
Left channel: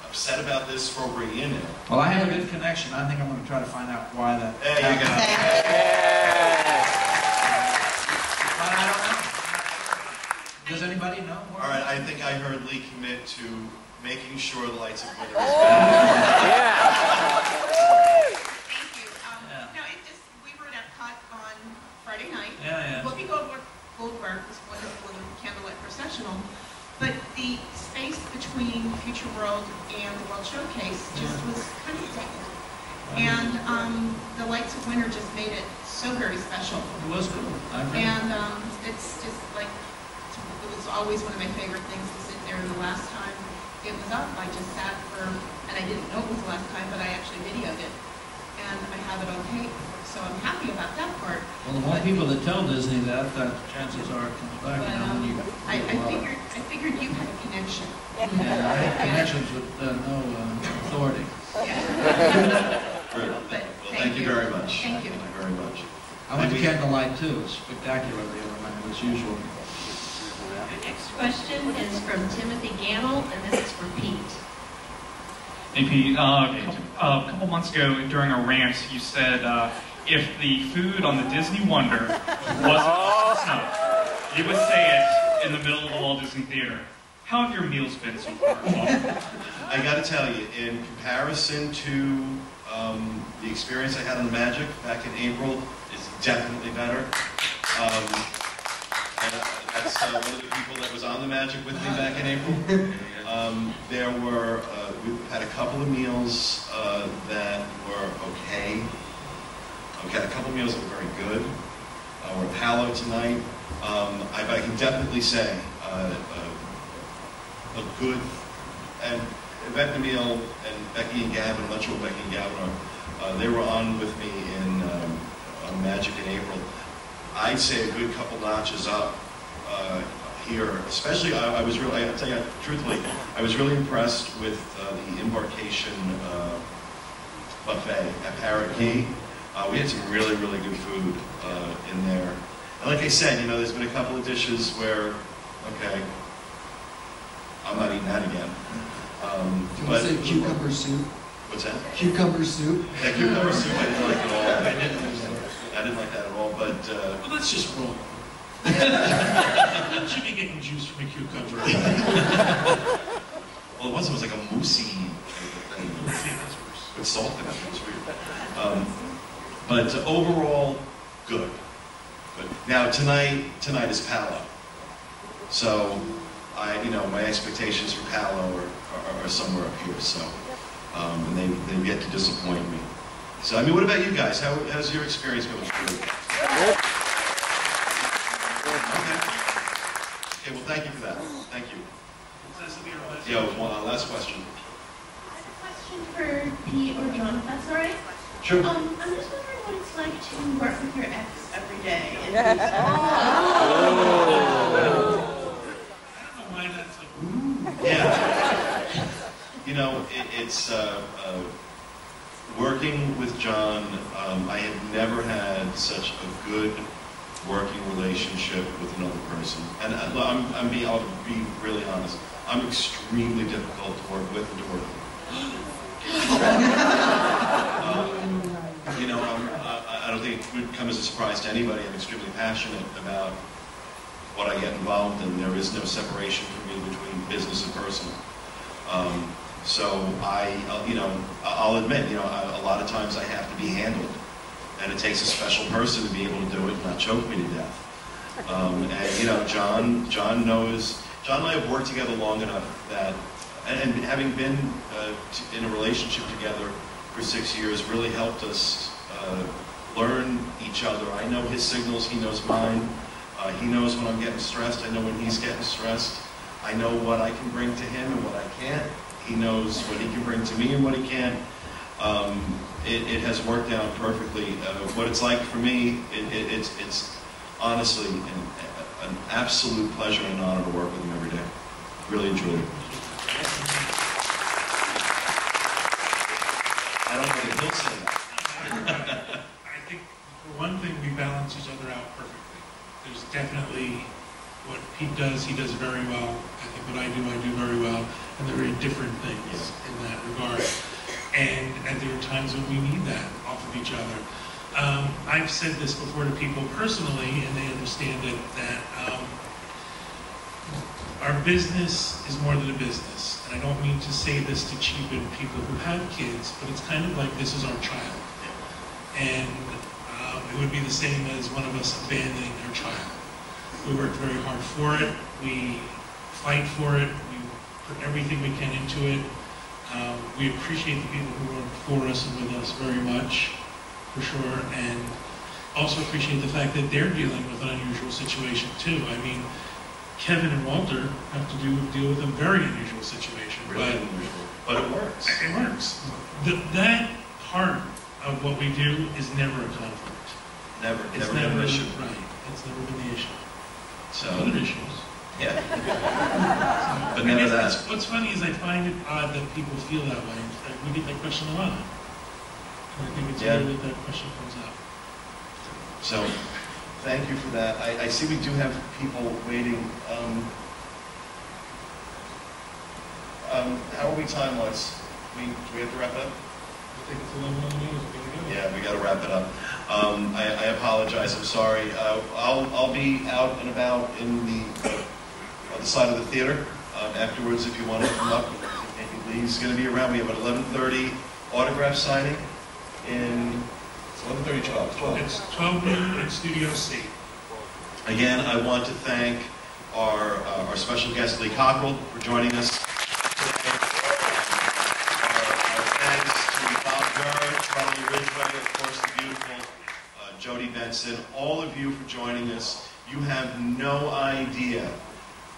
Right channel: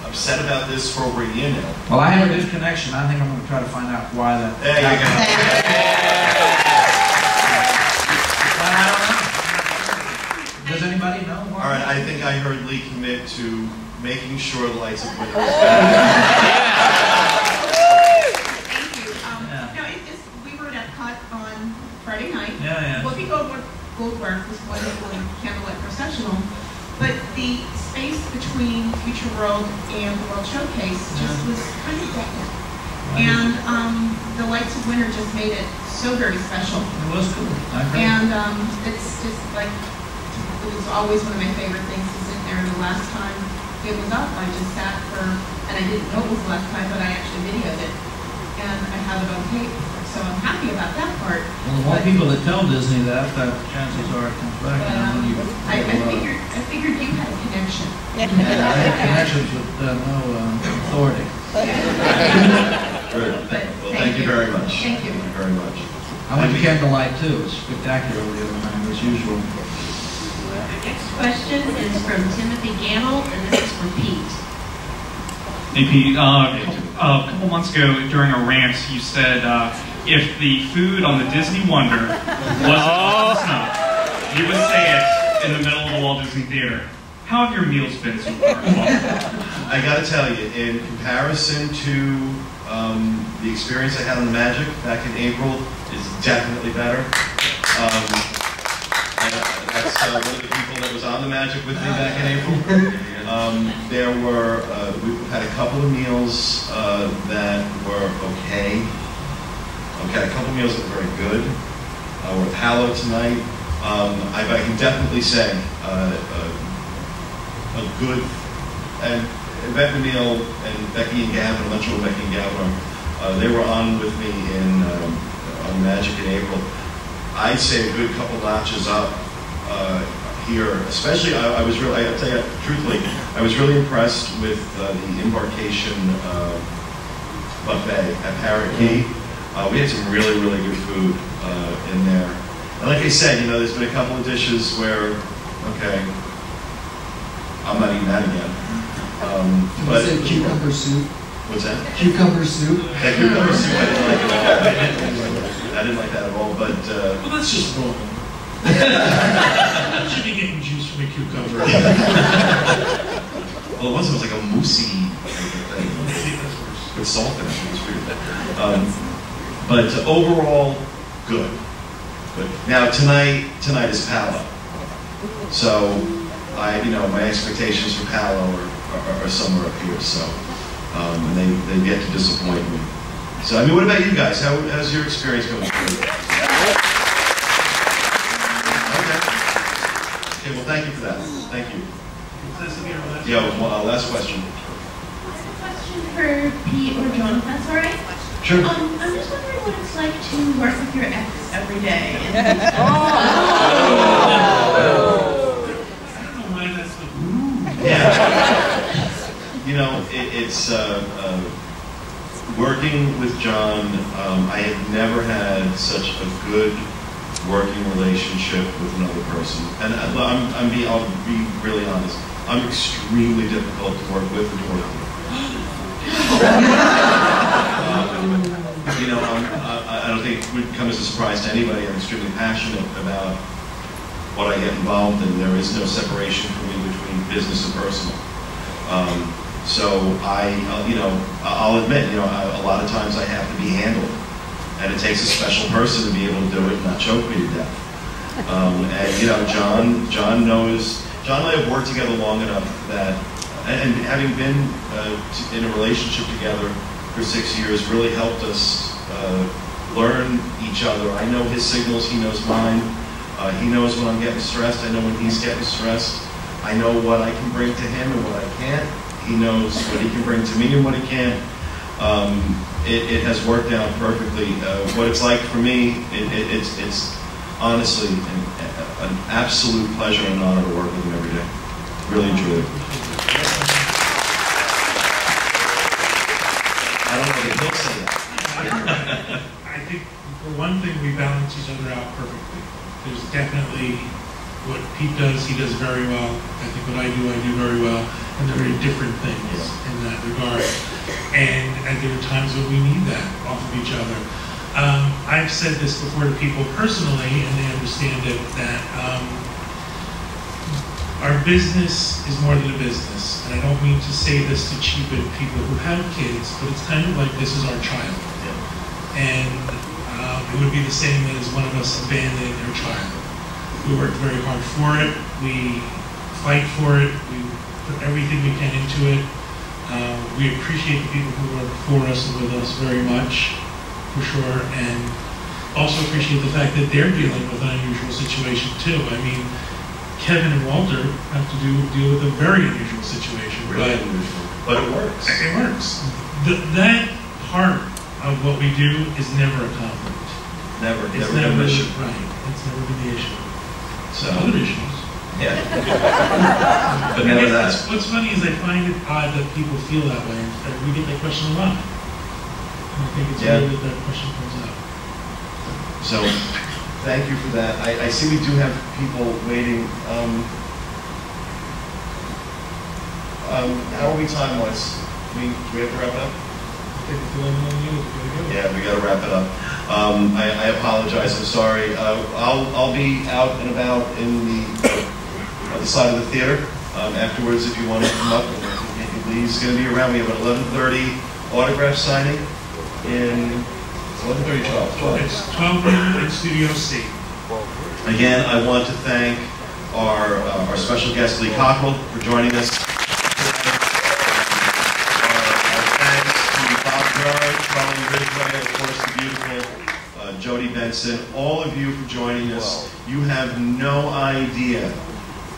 upset about this for over a year now. Well, I have a good connection. I think I'm going to try to find out why that. There you go. But I don't know. Does anybody know more? All right, I think I heard Lee commit to making sure the Lights of Winter is back. Thank you. No, it just, we were at Epcot on Friday night. Yeah. Whoopi Goldberg was wonderful in Candlelight Processional, but the space between Future World and the World Showcase just was kind of dead. And the Lights of Winter just made it so very special. It was cool. I agree. And it's just like, it was always one of my favorite things to sit there. And the last time it was up, I just sat for, and I didn't know it was the last time, but I actually videoed it. And I have it on tape. So I'm happy about that part. Well, the more people that tell Disney that, the chances are it comes back. But, You know, when you I figured you had a connection. Yeah, I have connections with no authority. Good. Well, thank you very much. Thank you. Very much. I went to Candlelight too. It was spectacular the other night, as usual. Next question is from Timothy Gamble, and this is for Pete. Hey Pete, a couple months ago during a rant, you said if the food on the Disney Wonder wasn't up to snuff, you would say it in the middle of the Walt Disney Theater. How have your meals been so far? I got to tell you, in comparison to the experience I had on the Magic back in April, is definitely better. That's one of the people that was on the Magic with me back in April. There were, we had a couple of meals that were okay. We had a couple of meals that were very good. We're at Palo tonight. I can definitely say a good, and Yvette Neal and Becky and Gavin, I'm not sure what Becky and Gavin are, they were on with me on Magic in April. I'd say a good couple notches up here, especially I'll tell you truthfully, I was really impressed with the embarkation buffet at Parrot Key. We had some really, really good food in there. And like I said, you know, there's been a couple of dishes where, okay, I'm not eating that again. Can we say cucumber soup? What's that? Cucumber soup? That cucumber soup I didn't like at all. I didn't like that at all, but... well, that's just wrong. You should be getting juice from a cucumber. Well, it was like a moussey type of thing. See, that's worse. With salt in it. It was weird. But overall, good. Good. Now tonight is Palo. So my expectations for Palo are somewhere up here. So, and they've yet to disappoint me. So, I mean, what about you guys? How's your experience going through? Okay, well, thank you for that. Thank you. Yeah, last question. I have a question for Pete or John, if that's all right. Sure. I'm just wondering what it's like to work with your ex every day. I don't know why that's like, ooh. Yeah. You know, it's working with John, I have never had such a good working relationship with another person. And I'll be really honest. I'm extremely difficult to work with and to work with. You know, I don't think it would come as a surprise to anybody. I'm extremely passionate about what I get involved in. There is no separation for me between business and personal. So I'll admit, you know, a lot of times I have to be handled. And it takes a special person to be able to do it and not choke me to death. And you know, John knows, John and I have worked together long enough that, and having been in a relationship together for 6 years really helped us learn each other. I know his signals, he knows mine. He knows when I'm getting stressed, I know when he's getting stressed. I know what I can bring to him and what I can't. He knows what he can bring to me and what he can't. It has worked out perfectly. What it's like for me, it's honestly an absolute pleasure and honor to work with him every day. Really and truly. I don't know that he'll say that. I think, for one thing, we balance each other out perfectly. There's definitely what Pete does, he does very well. I think what I do very well. And they're very different things in that regard. And there are times when we need that off of each other. I've said this before to people personally, and they understand it, that our business is more than a business. And I don't mean to say this to cheapen people who have kids, but it's kind of like this is our child. And it would be the same as one of us abandoning their child. We work very hard for it. We fight for it. We put everything we can into it. We appreciate the people who are for us and with us very much, for sure, and also appreciate the fact that they're dealing with an unusual situation too. I mean, Kevin and Walter have to deal with a very unusual situation. Really unusual, but it works. It works. That part of what we do is never a conflict. Never been an issue. Right. It's never been the issue. So other issues. Yeah. But never that. What's funny is I find it odd that people feel that way. We get that question a lot. And I think it's weird that question comes up. So, thank you for that. I see we do have people waiting. How are we time-wise? Do we have to wrap it up? I think it's 11 minutes. Yeah, we got to wrap it up. I apologize. I'm sorry. I'll be out and about in the other side of the theater afterwards if you want to come up. And I think Lee's going to be around. We have an 11:30 autograph signing in 11:30, 12. It's 12 noon in Studio C. Again, I want to thank our special guest Lee Cockerell for joining us today. Our thanks to Bob Durr, Charlie Ridgway, of course the beautiful Jody Benson, all of you for joining us. You have no idea,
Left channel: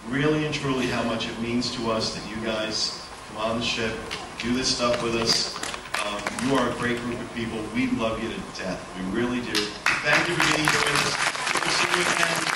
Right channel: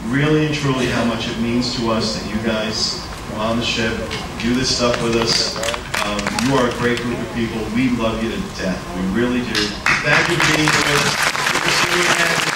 really and truly, how much it means to us that you guys come on the ship, do this stuff with us. You are a great group of people. We love you to death. We really do. Thank you for being here with us. We'll see you again.